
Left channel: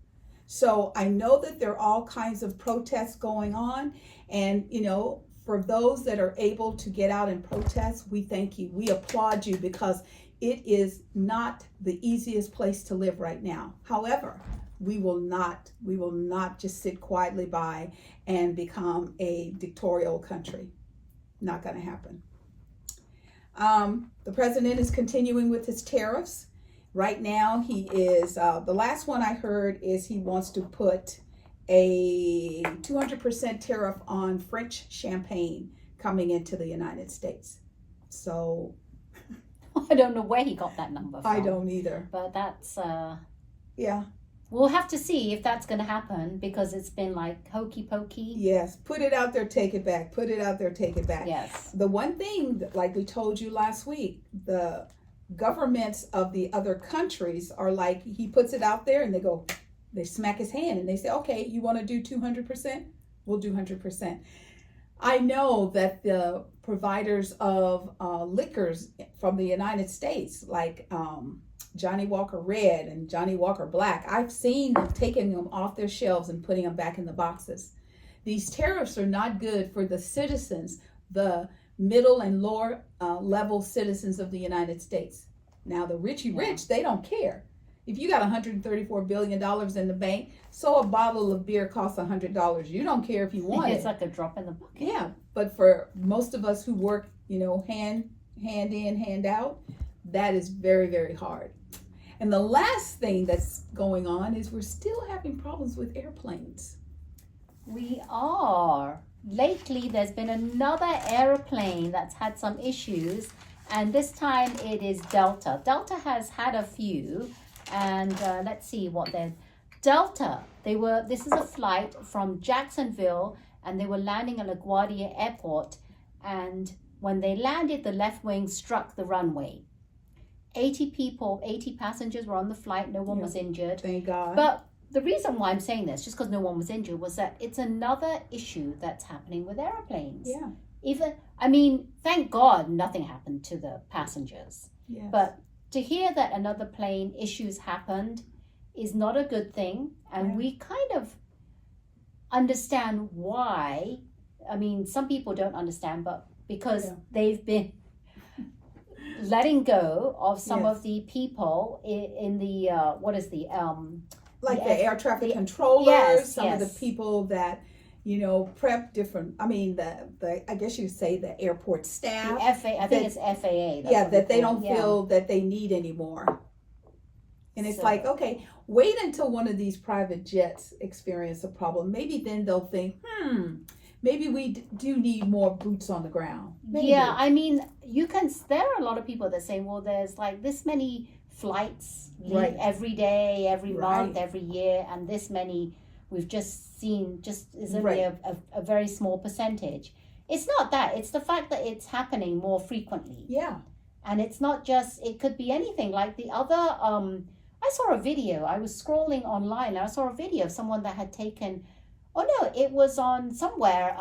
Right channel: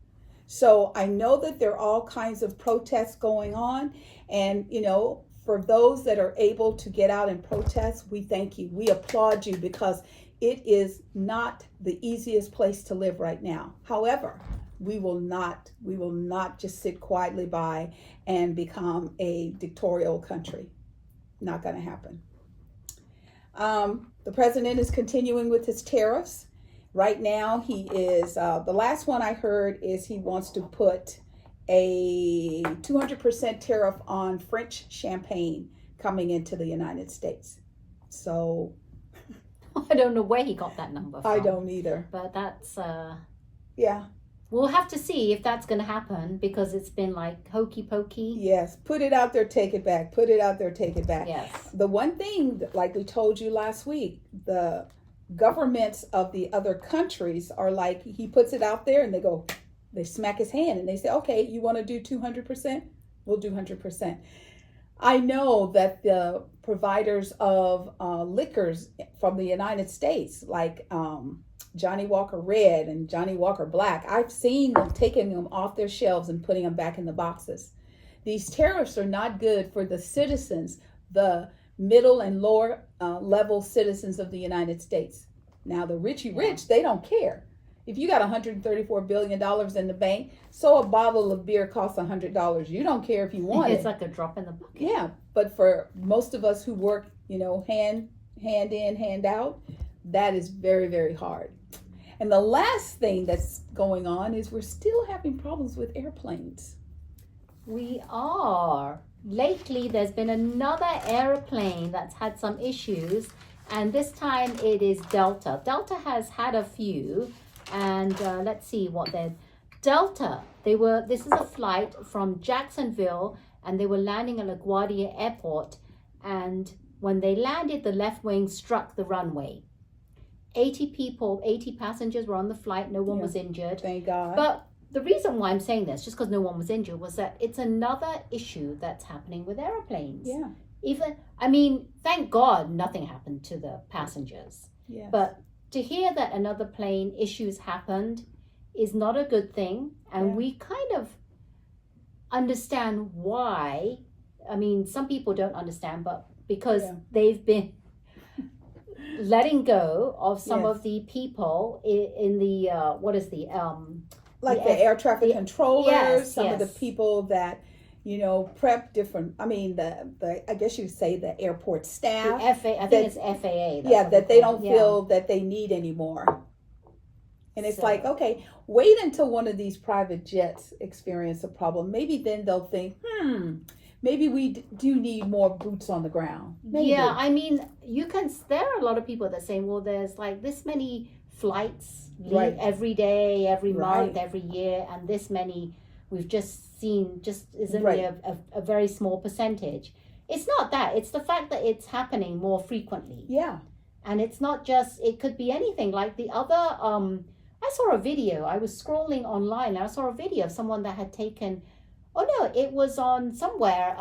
So I know that there are all kinds of protests going on, and you know, for those that are able to get out and protest, we thank you. We applaud you, because it is not the easiest place to live right now. However, we will not just sit quietly by and become a dictatorial country. Not going to happen. The president is continuing with his tariffs. Right now, he is, the last one I heard is he wants to put a 200% tariff on French champagne coming into the United States. So I don't know where he got that number from. I don't either. But that's, yeah. We'll have to see if that's going to happen, because it's been like hokey pokey. Yes, put it out there, take it back. Put it out there, take it back. Yes. The one thing, like we told you last week, the governments of the other countries are like, he puts it out there and they smack his hand and they say, okay, you want to do 200%? We'll do 100%. I know that the providers of liquors from the United States, like Johnny Walker Red and Johnny Walker Black, I've seen them taking them off their shelves and putting them back in the boxes. These tariffs are not good for the citizens, the middle and lower level citizens of the United States. Now, the richy rich, they don't care. If you got $134 billion in the bank, so a bottle of beer costs $100. You don't care if you want It's like a drop in the bucket. Yeah, but for most of us who work, hand in, hand out, that is very, very hard. And the last thing that's going on is we're still having problems with airplanes. We are. Lately, there's been another airplane that's had some issues, and this time it is Delta. Delta has had a few, and let's see what they're. Delta, this is a flight from Jacksonville, and they were landing at LaGuardia Airport, and when they landed, the left wing struck the runway. 80 passengers were on the flight. No one was injured. Thank God. But the reason why I'm saying this, just because no one was injured, was that it's another issue that's happening with airplanes. Yeah. Thank God nothing happened to the passengers. Yes. But to hear that another plane issues happened is not a good thing. And we kind of understand why. Some people don't understand, but because they've been letting go of some of the people in the like the air traffic controllers, some of the people that prep different. I guess you say the airport staff. I think it's FAA. That they don't feel that they need anymore. And it's like, okay, wait until one of these private jets experience a problem. Maybe then they'll think, maybe we do need more boots on the ground. Maybe. Yeah, there are a lot of people that say, well, there's like this many flights leave every day, every month, every year, and this many we've just seen is only a very small percentage. It's not that. It's the fact that it's happening more frequently. Yeah. And it's not just, it could be anything. Like the other, I saw a video. I was scrolling online and I saw a video of someone that had taken, it was on somewhere,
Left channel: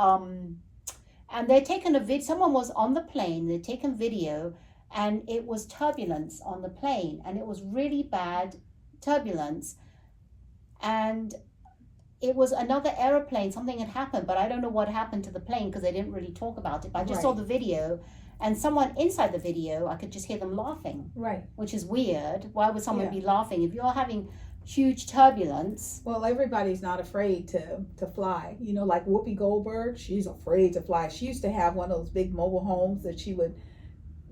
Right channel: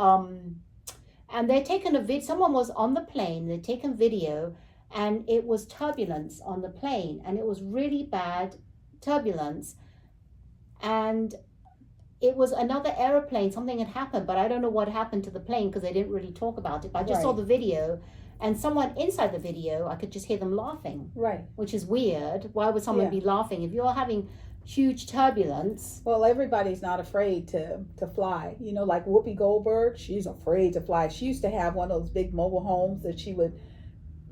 and they'd taken a video. Someone was on the plane, they'd taken video, and it was turbulence on the plane, and it was really bad turbulence, and it was another airplane. Something had happened, but I don't know what happened to the plane because they didn't really talk about it. But I just saw the video, and someone inside the video, I could just hear them laughing. Right. Which is weird. Why would someone be laughing if you're having huge turbulence? Well, everybody's not afraid to fly. Like Whoopi Goldberg, she's afraid to fly. She used to have one of those big mobile homes that she would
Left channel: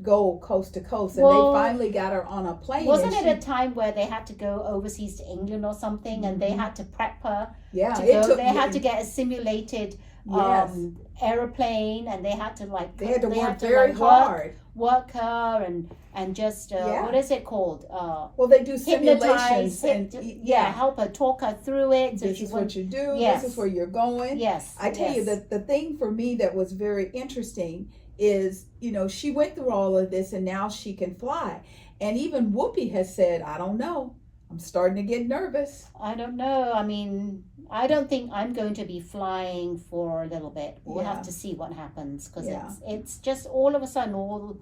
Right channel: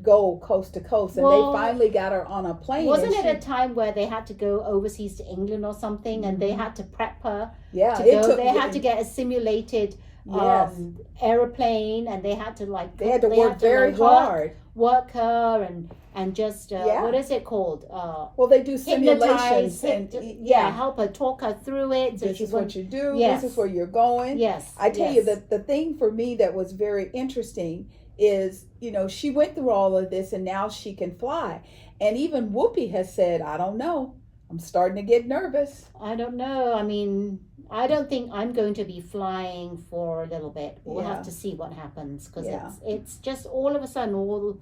go coast to coast, and they finally got her on a plane. Wasn't it a time where they had to go overseas to England or something, and they had to prep her to go? They had to get a simulated aeroplane, and they had to work very hard, work her and just what is it called? Well, they do simulations help her, talk her through it. So this is what you do. Yes. This is where you're going. Yes, I tell you that the thing for me that was very interesting is, she went through all of this and now she can fly. And even Whoopi has said, I don't know. I'm starting to get nervous. I don't know. I don't think I'm going to be flying for a little bit. We'll have to see what happens, because it's just all of a sudden,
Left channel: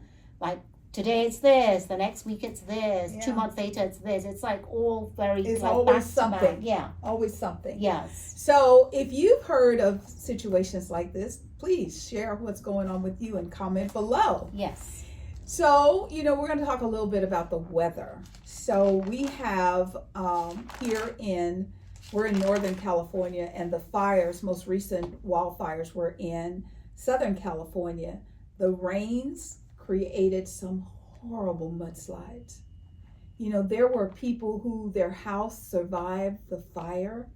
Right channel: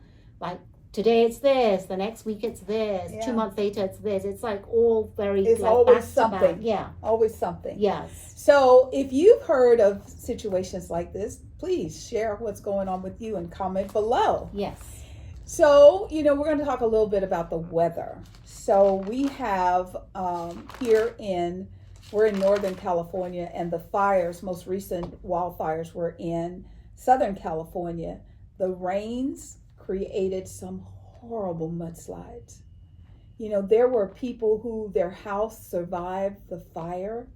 today it's this, the next week it's this, 2 months later it's this. It's like all it's always back something. To back. Yeah. Always something. Yes. So if you've heard of situations like this, please share what's going on with you and comment below. Yes. So, we're going to talk a little bit about the weather. So we have we're in Northern California, and the most recent wildfires were in Southern California. The rains created some horrible mudslides. There were people who their house survived the fire,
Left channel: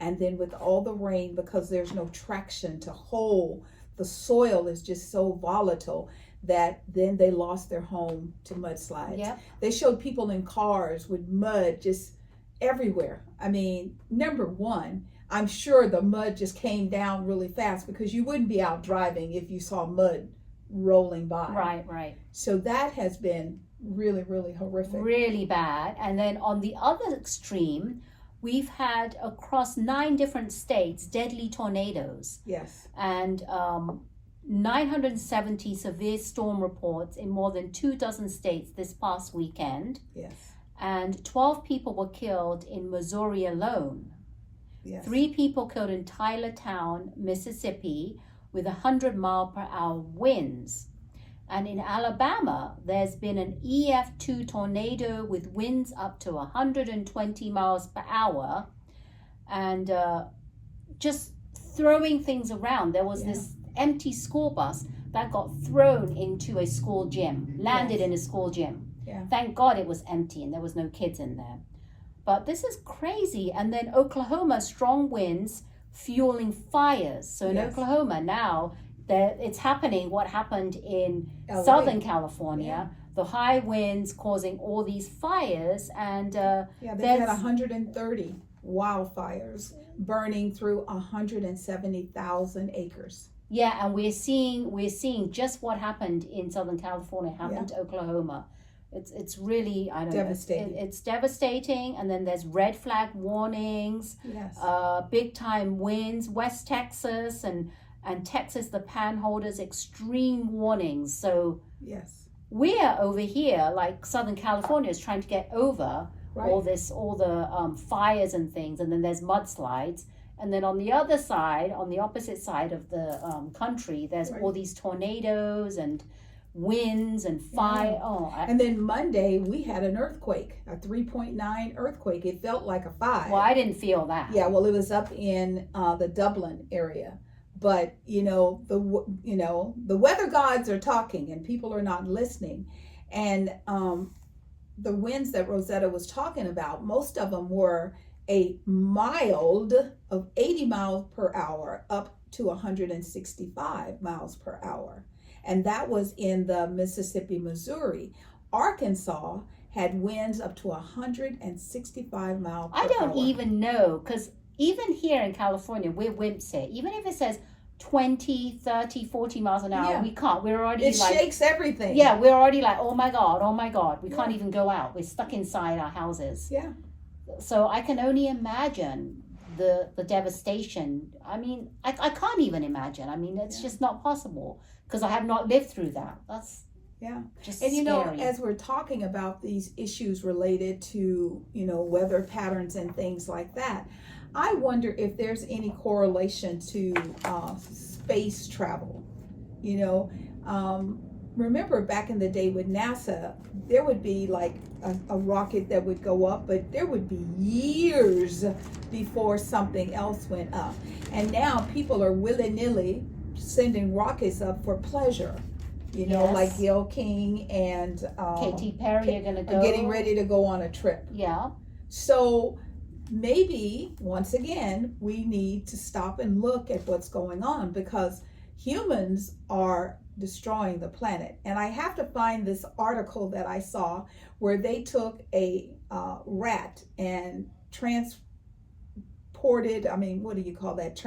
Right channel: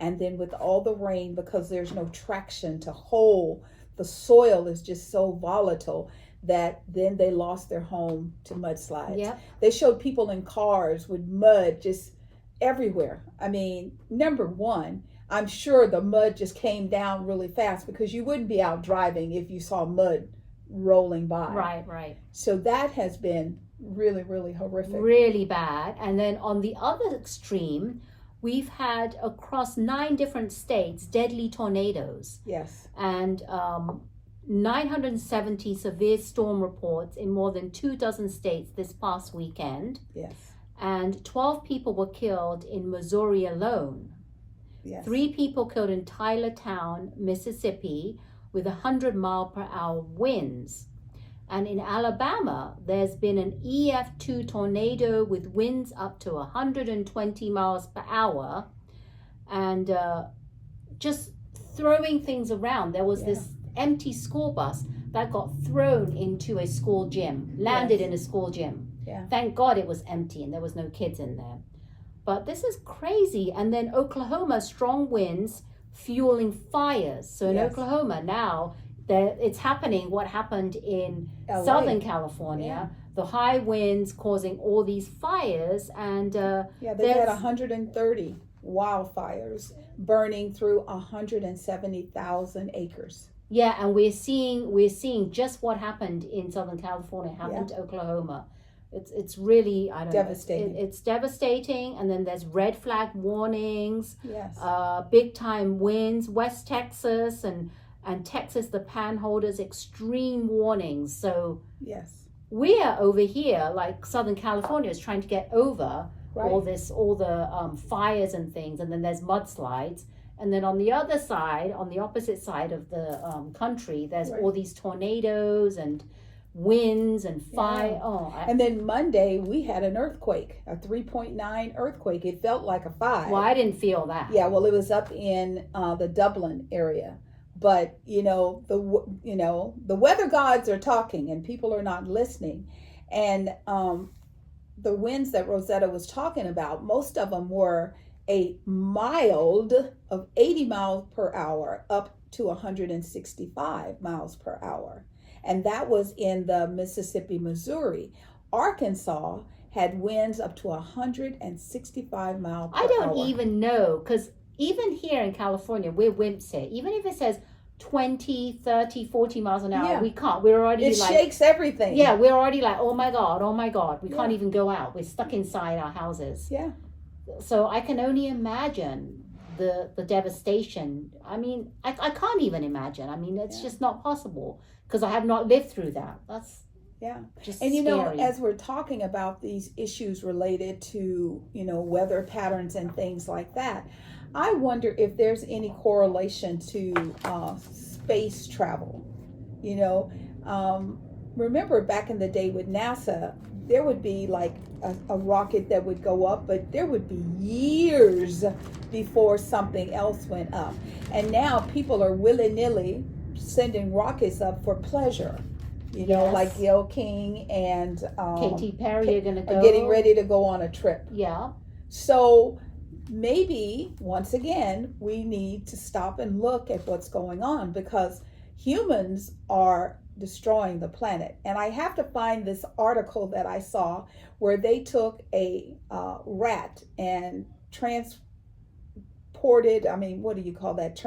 and then with all the rain, because there's no traction to hold, the soil is just so volatile that then they lost their home to mudslides. Yep. They showed people in cars with mud just everywhere. I mean, number one, I'm sure the mud just came down really fast, because you wouldn't be out driving if you saw mud rolling by. Right. So that has been really, really horrific. Really bad. And then on the other extreme, we've had across 9 different states deadly tornadoes. Yes. And 970 severe storm reports in more than 24 states this past weekend. Yes. And 12 people were killed in Missouri alone. Yes. 3 people killed in Tylertown, Mississippi, with 100-mile-per-hour winds. And in Alabama, there's been an EF2 tornado with winds up to 120 miles per hour, and just throwing things around. There was this empty school bus that got thrown into a school gym, landed in a school gym. Yeah. Thank God it was empty and there was no kids in there. But this is crazy. And then Oklahoma, strong winds fueling fires. So in Oklahoma now, it's happening what happened in LA. Southern California. The high winds causing all these fires, and they had 130 wildfires burning through 170,000 acres. Yeah, and we're seeing just what happened in Southern California happened to Oklahoma. It's really, I don't devastating. know. It's devastating, and then there's red flag warnings. Yes. Big time winds, West Texas and Texas, the Panhandles, extreme warnings. So yes, we are over here, like Southern California is trying to get over all the fires and things, and then there's mudslides. And then on the other side, on the opposite side of the country, there's all these tornadoes and winds and fire. And then Monday we had an earthquake, a 3.9 earthquake. It felt like a 5. Well, I didn't feel that. Yeah, well, it was up in the Dublin area. But the weather gods are talking and people are not listening. And the winds that Rosetta was talking about, most of them were a mild of 80 miles per hour up to 165 miles per hour. And that was in the Mississippi, Missouri. Arkansas had winds up to 165 miles per hour. I don't even know, because even here in California, we're wimps here. Even if it says 20, 30, 40 miles an hour, we can't. We're already it shakes everything. Yeah, we're already like, oh my God. We can't even go out. We're stuck inside our houses. Yeah. So I can only imagine the devastation. I mean, I can't even imagine. I mean, it's just not possible, because I have not lived through that. That's just and scary. as we're talking about these issues related to weather patterns and things like that, I wonder if there's any correlation to space travel. Remember back in the day with NASA, there would be like a rocket that would go up, but there would be years before something else went up. And now people are willy-nilly sending rockets up for pleasure. Like Gail King and Katy Perry are going to go. Getting ready to go on a trip. Yeah. So maybe, once again, we need to stop and look at what's going on, because humans are destroying the planet. And I have to find this article that I saw where they took a rat and transported, what do you call that?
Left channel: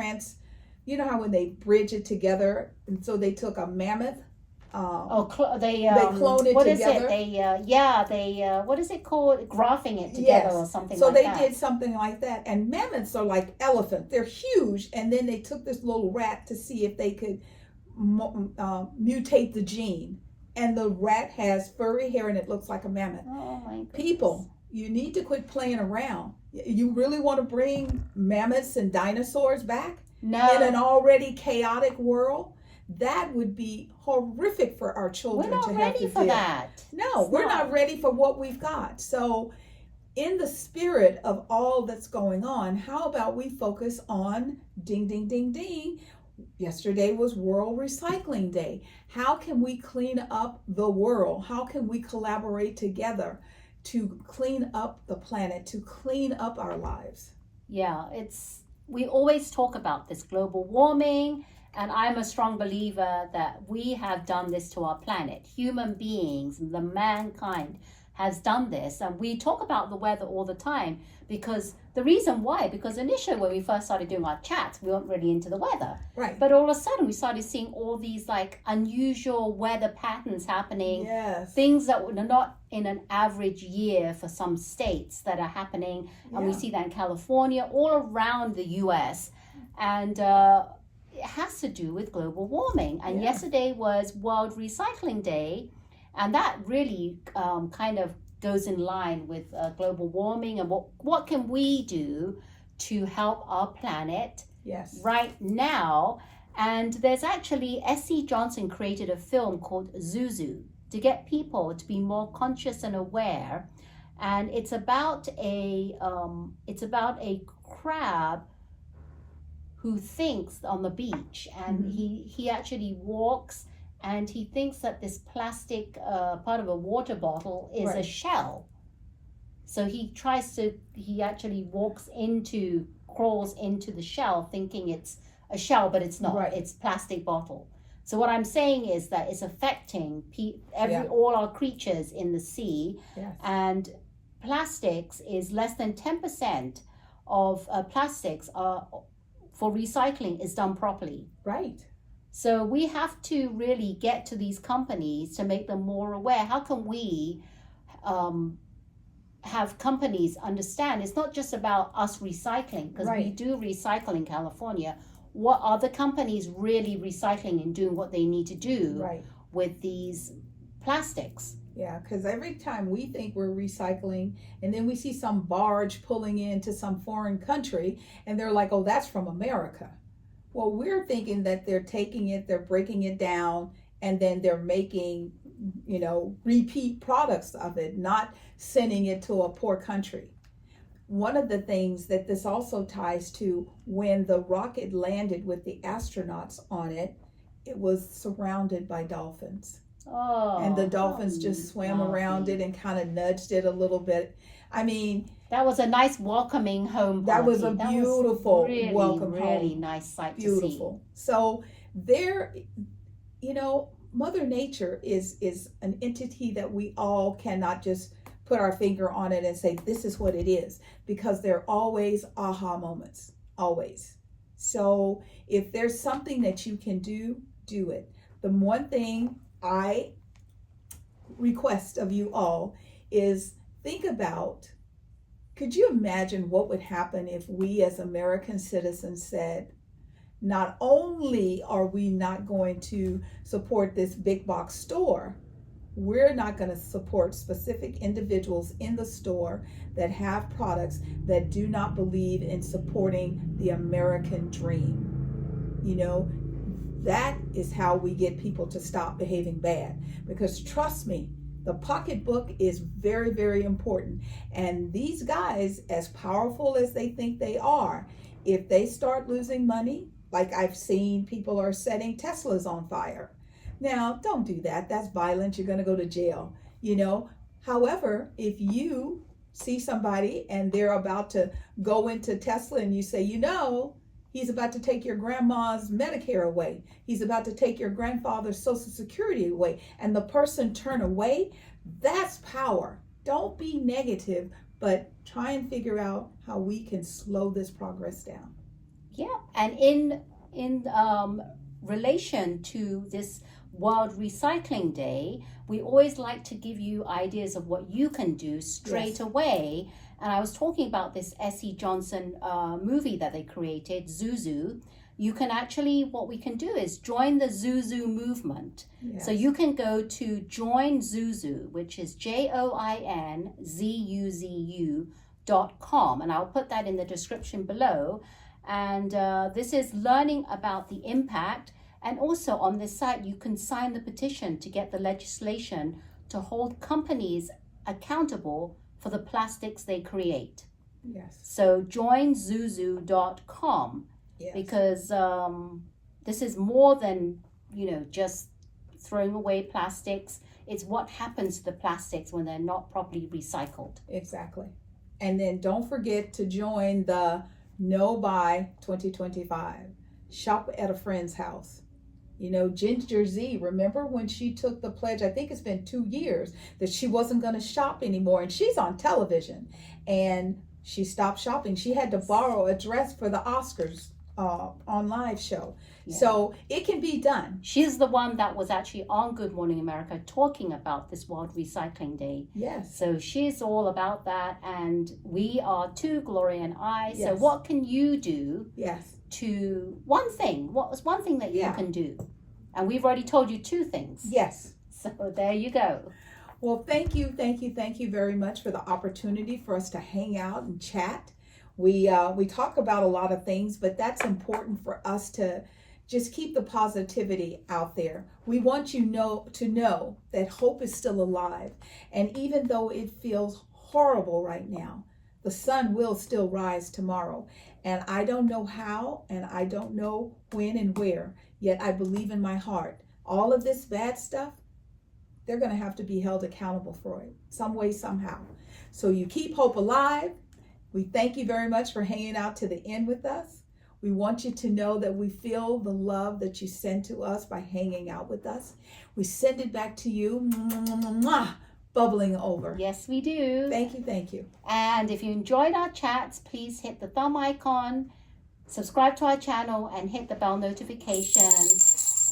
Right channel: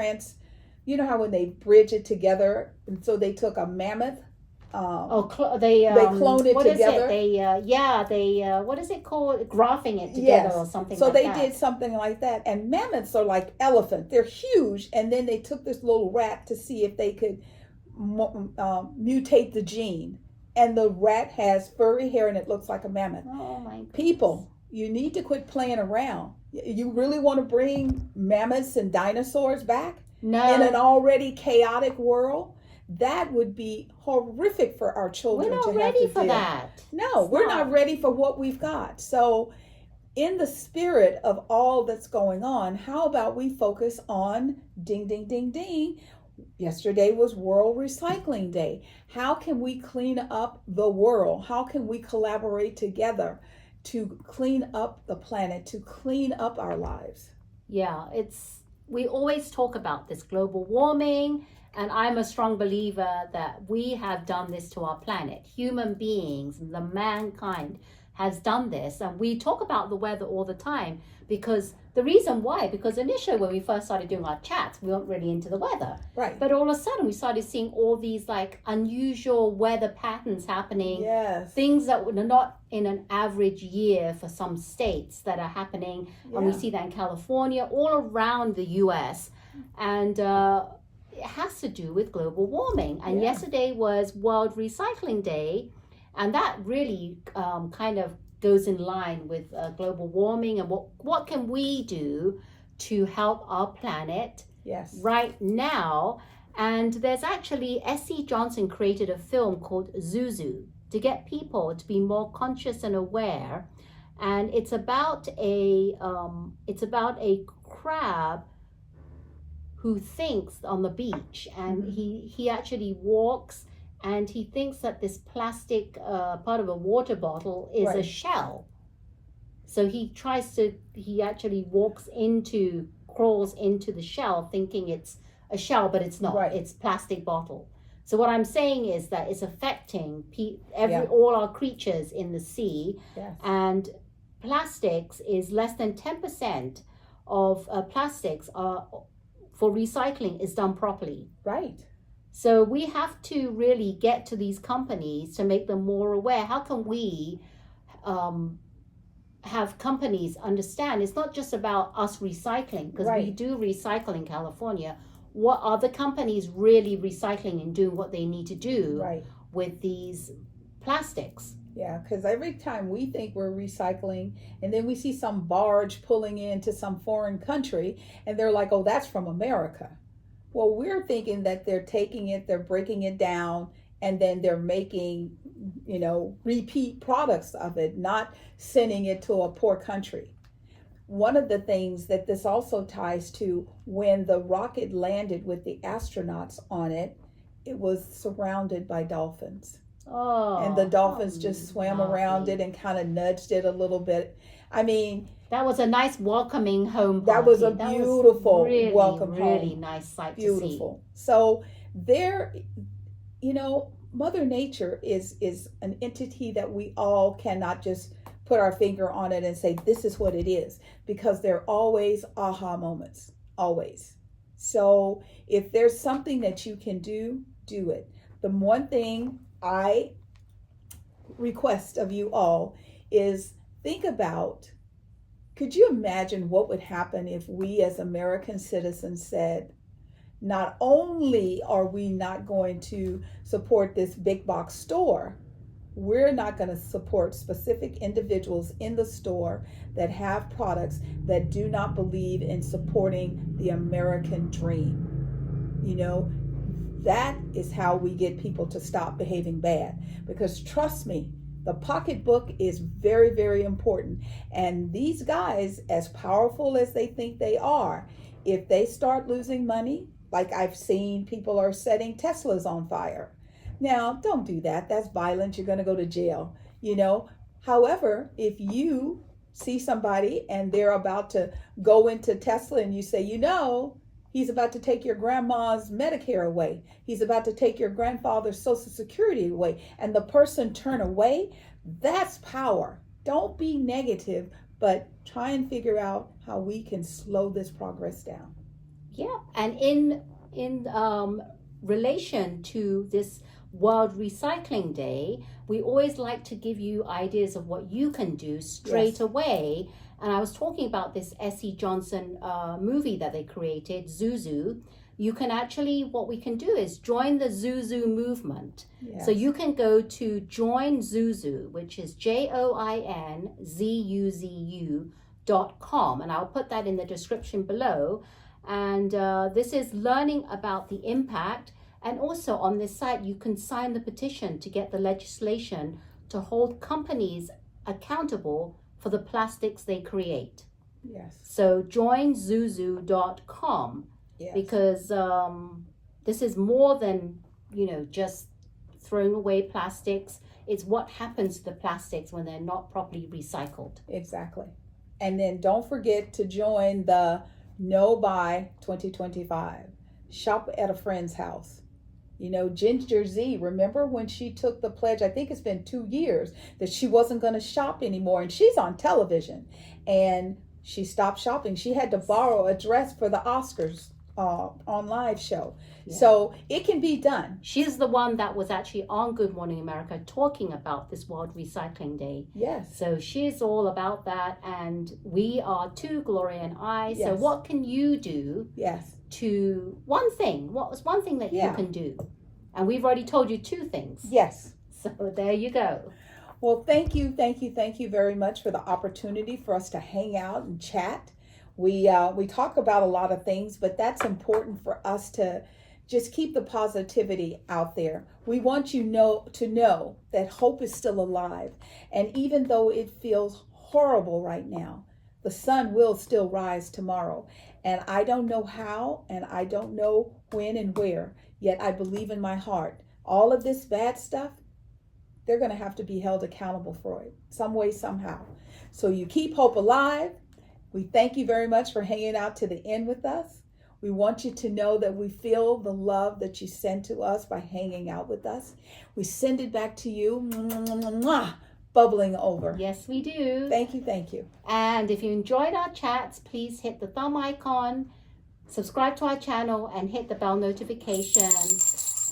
You know how when they bridge it together, and so they took a mammoth. They cloned it what together. Is it? They what is it called? Graphing it together or something so like that. So they did something like that. And mammoths are like elephants. They're huge. And then they took this little rat to see if they could mutate the gene. And the rat has furry hair and it looks like a mammoth. Oh my goodness. People, you need to quit playing around. You really want to bring mammoths and dinosaurs back? No. In an already chaotic world? that would be horrific for our children. We're not to have ready to for deal. that. No, we're not ready for what we've got. So, in the spirit of all that's going on, how about we focus on ding, ding, ding, ding. Yesterday was World Recycling Day. How can we clean up the world? How can we collaborate together to clean up the planet, to clean up our lives? Yeah, we always talk about this global warming, and I'm a strong believer that we have done this to our planet. Human beings, the mankind has done this, and we talk about the weather all the time because the reason why, because initially when we first started doing our chats, we weren't really into the weather. Right. But all of a sudden we started seeing all these like unusual weather patterns happening. Yes. Things that are not in an average year for some states that are happening. And we see that in California, all around the US. And it has to do with global warming. And yesterday was World Recycling Day. And that really kind of goes in line with global warming and what can we do to help our planet right now. And there's actually S.C. Johnson created a film called ZuZu to get people to be more conscious and aware. And it's about a crab who thinks on the beach, and he actually walks. And he thinks that this plastic part of a water bottle is a shell. So he actually crawls into the shell thinking it's a shell, but it's not. Right. It's plastic bottle. So what I'm saying is that it's affecting all our creatures in the sea. Yes. And plastics is less than 10% of plastics for recycling is done properly. Right. So we have to really get to these companies to make them more aware. How can we have companies understand it's not just about us recycling, because we do recycle in California. What are the companies really recycling and doing what they need to do with these plastics? Yeah, because every time we think we're recycling and then we see some barge pulling into some foreign country and they're like, oh, that's from America. Well, we're thinking that they're taking it, they're breaking it down, and then they're making, repeat products of it, not sending it to a poor country. One of the things that this also ties to, when the rocket landed with the astronauts on it, it was surrounded by dolphins. Oh, and the dolphins just swam around it and kind of nudged it a little bit. I mean, that was a nice welcoming home party. That was a beautiful welcome home. Really nice sight to see. So there, Mother Nature is an entity that we all cannot just put our finger on it and say, this is what it is, because there are always aha moments, always. So if there's something that you can do, do it. The one thing I request of you all is think about, could you imagine what would happen if we as American citizens said, not only are we not going to support this big box store, we're not going to support specific individuals in the store that have products that do not believe in supporting the American dream. That is how we get people to stop behaving bad. Because trust me, the pocketbook is very, very important. And these guys, as powerful as they think they are, if they start losing money, like I've seen people are setting Teslas on fire. Now, don't do that. That's violent. You're going to go to jail, However, if you see somebody and they're about to go into Tesla and you say, he's about to take your grandma's Medicare away. He's about to take your grandfather's Social Security away. And the person turn away. That's power. Don't be negative, but try and figure out how we can slow this progress down. Yeah. And in relation to this World Recycling Day, we always like to give you ideas of what you can do straight away. And I was talking about this S.C. Johnson movie that they created, ZuZu. You can actually, what we can do is join the ZuZu movement. Yes. So you can go to Join ZuZu, which is JOINZUZU.com. And I'll put that in the description below. And this is learning about the impact. And also on this site, you can sign the petition to get the legislation to hold companies accountable for the plastics they create. Yes. So join ZuZu.com, Yes. because this is more than, just throwing away plastics. It's what happens to the plastics when they're not properly recycled. Exactly. And then don't forget to join the No Buy 2025. Shop at a friend's house. Ginger Z, remember when she took the pledge, I think it's been 2 years, that she wasn't going to shop anymore. And she's on television. And she stopped shopping. She had to borrow a dress for the Oscars on live show. Yeah. So it can be done. She's the one that was actually on Good Morning America talking about this World Recycling Day. Yes. So she's all about that. And we are too, Gloria and I. Yes. So what can you do? Yes. To one thing. What was one thing that you can do? And we've already told you 2 things. Yes. So there you go. Well, thank you very much for the opportunity for us to hang out and chat. We talk about a lot of things, but that's important for us to just keep the positivity out there. We want you to know that hope is still alive. And even though it feels horrible right now, the sun will still rise tomorrow. And I don't know how, and I don't know when and where, yet I believe in my heart. All of this bad stuff, they're going to have to be held accountable for it, some way, somehow. So you keep hope alive. We thank you very much for hanging out to the end with us. We want you to know that we feel the love that you send to us by hanging out with us. We send it back to you, bubbling over. Yes, we do. Thank you. And if you enjoyed our chats, please hit the thumb icon, subscribe to our channel, and hit the bell notification.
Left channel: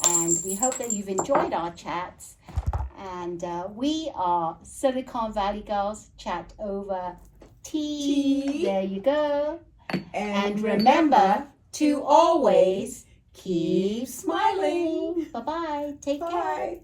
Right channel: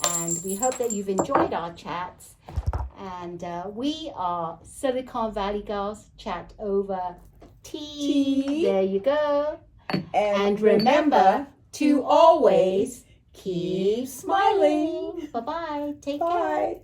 And we hope that you've enjoyed our chats. And we are Silicon Valley Girls Chat over tea. There you go. And remember to always keep smiling. Bye-bye. Take care.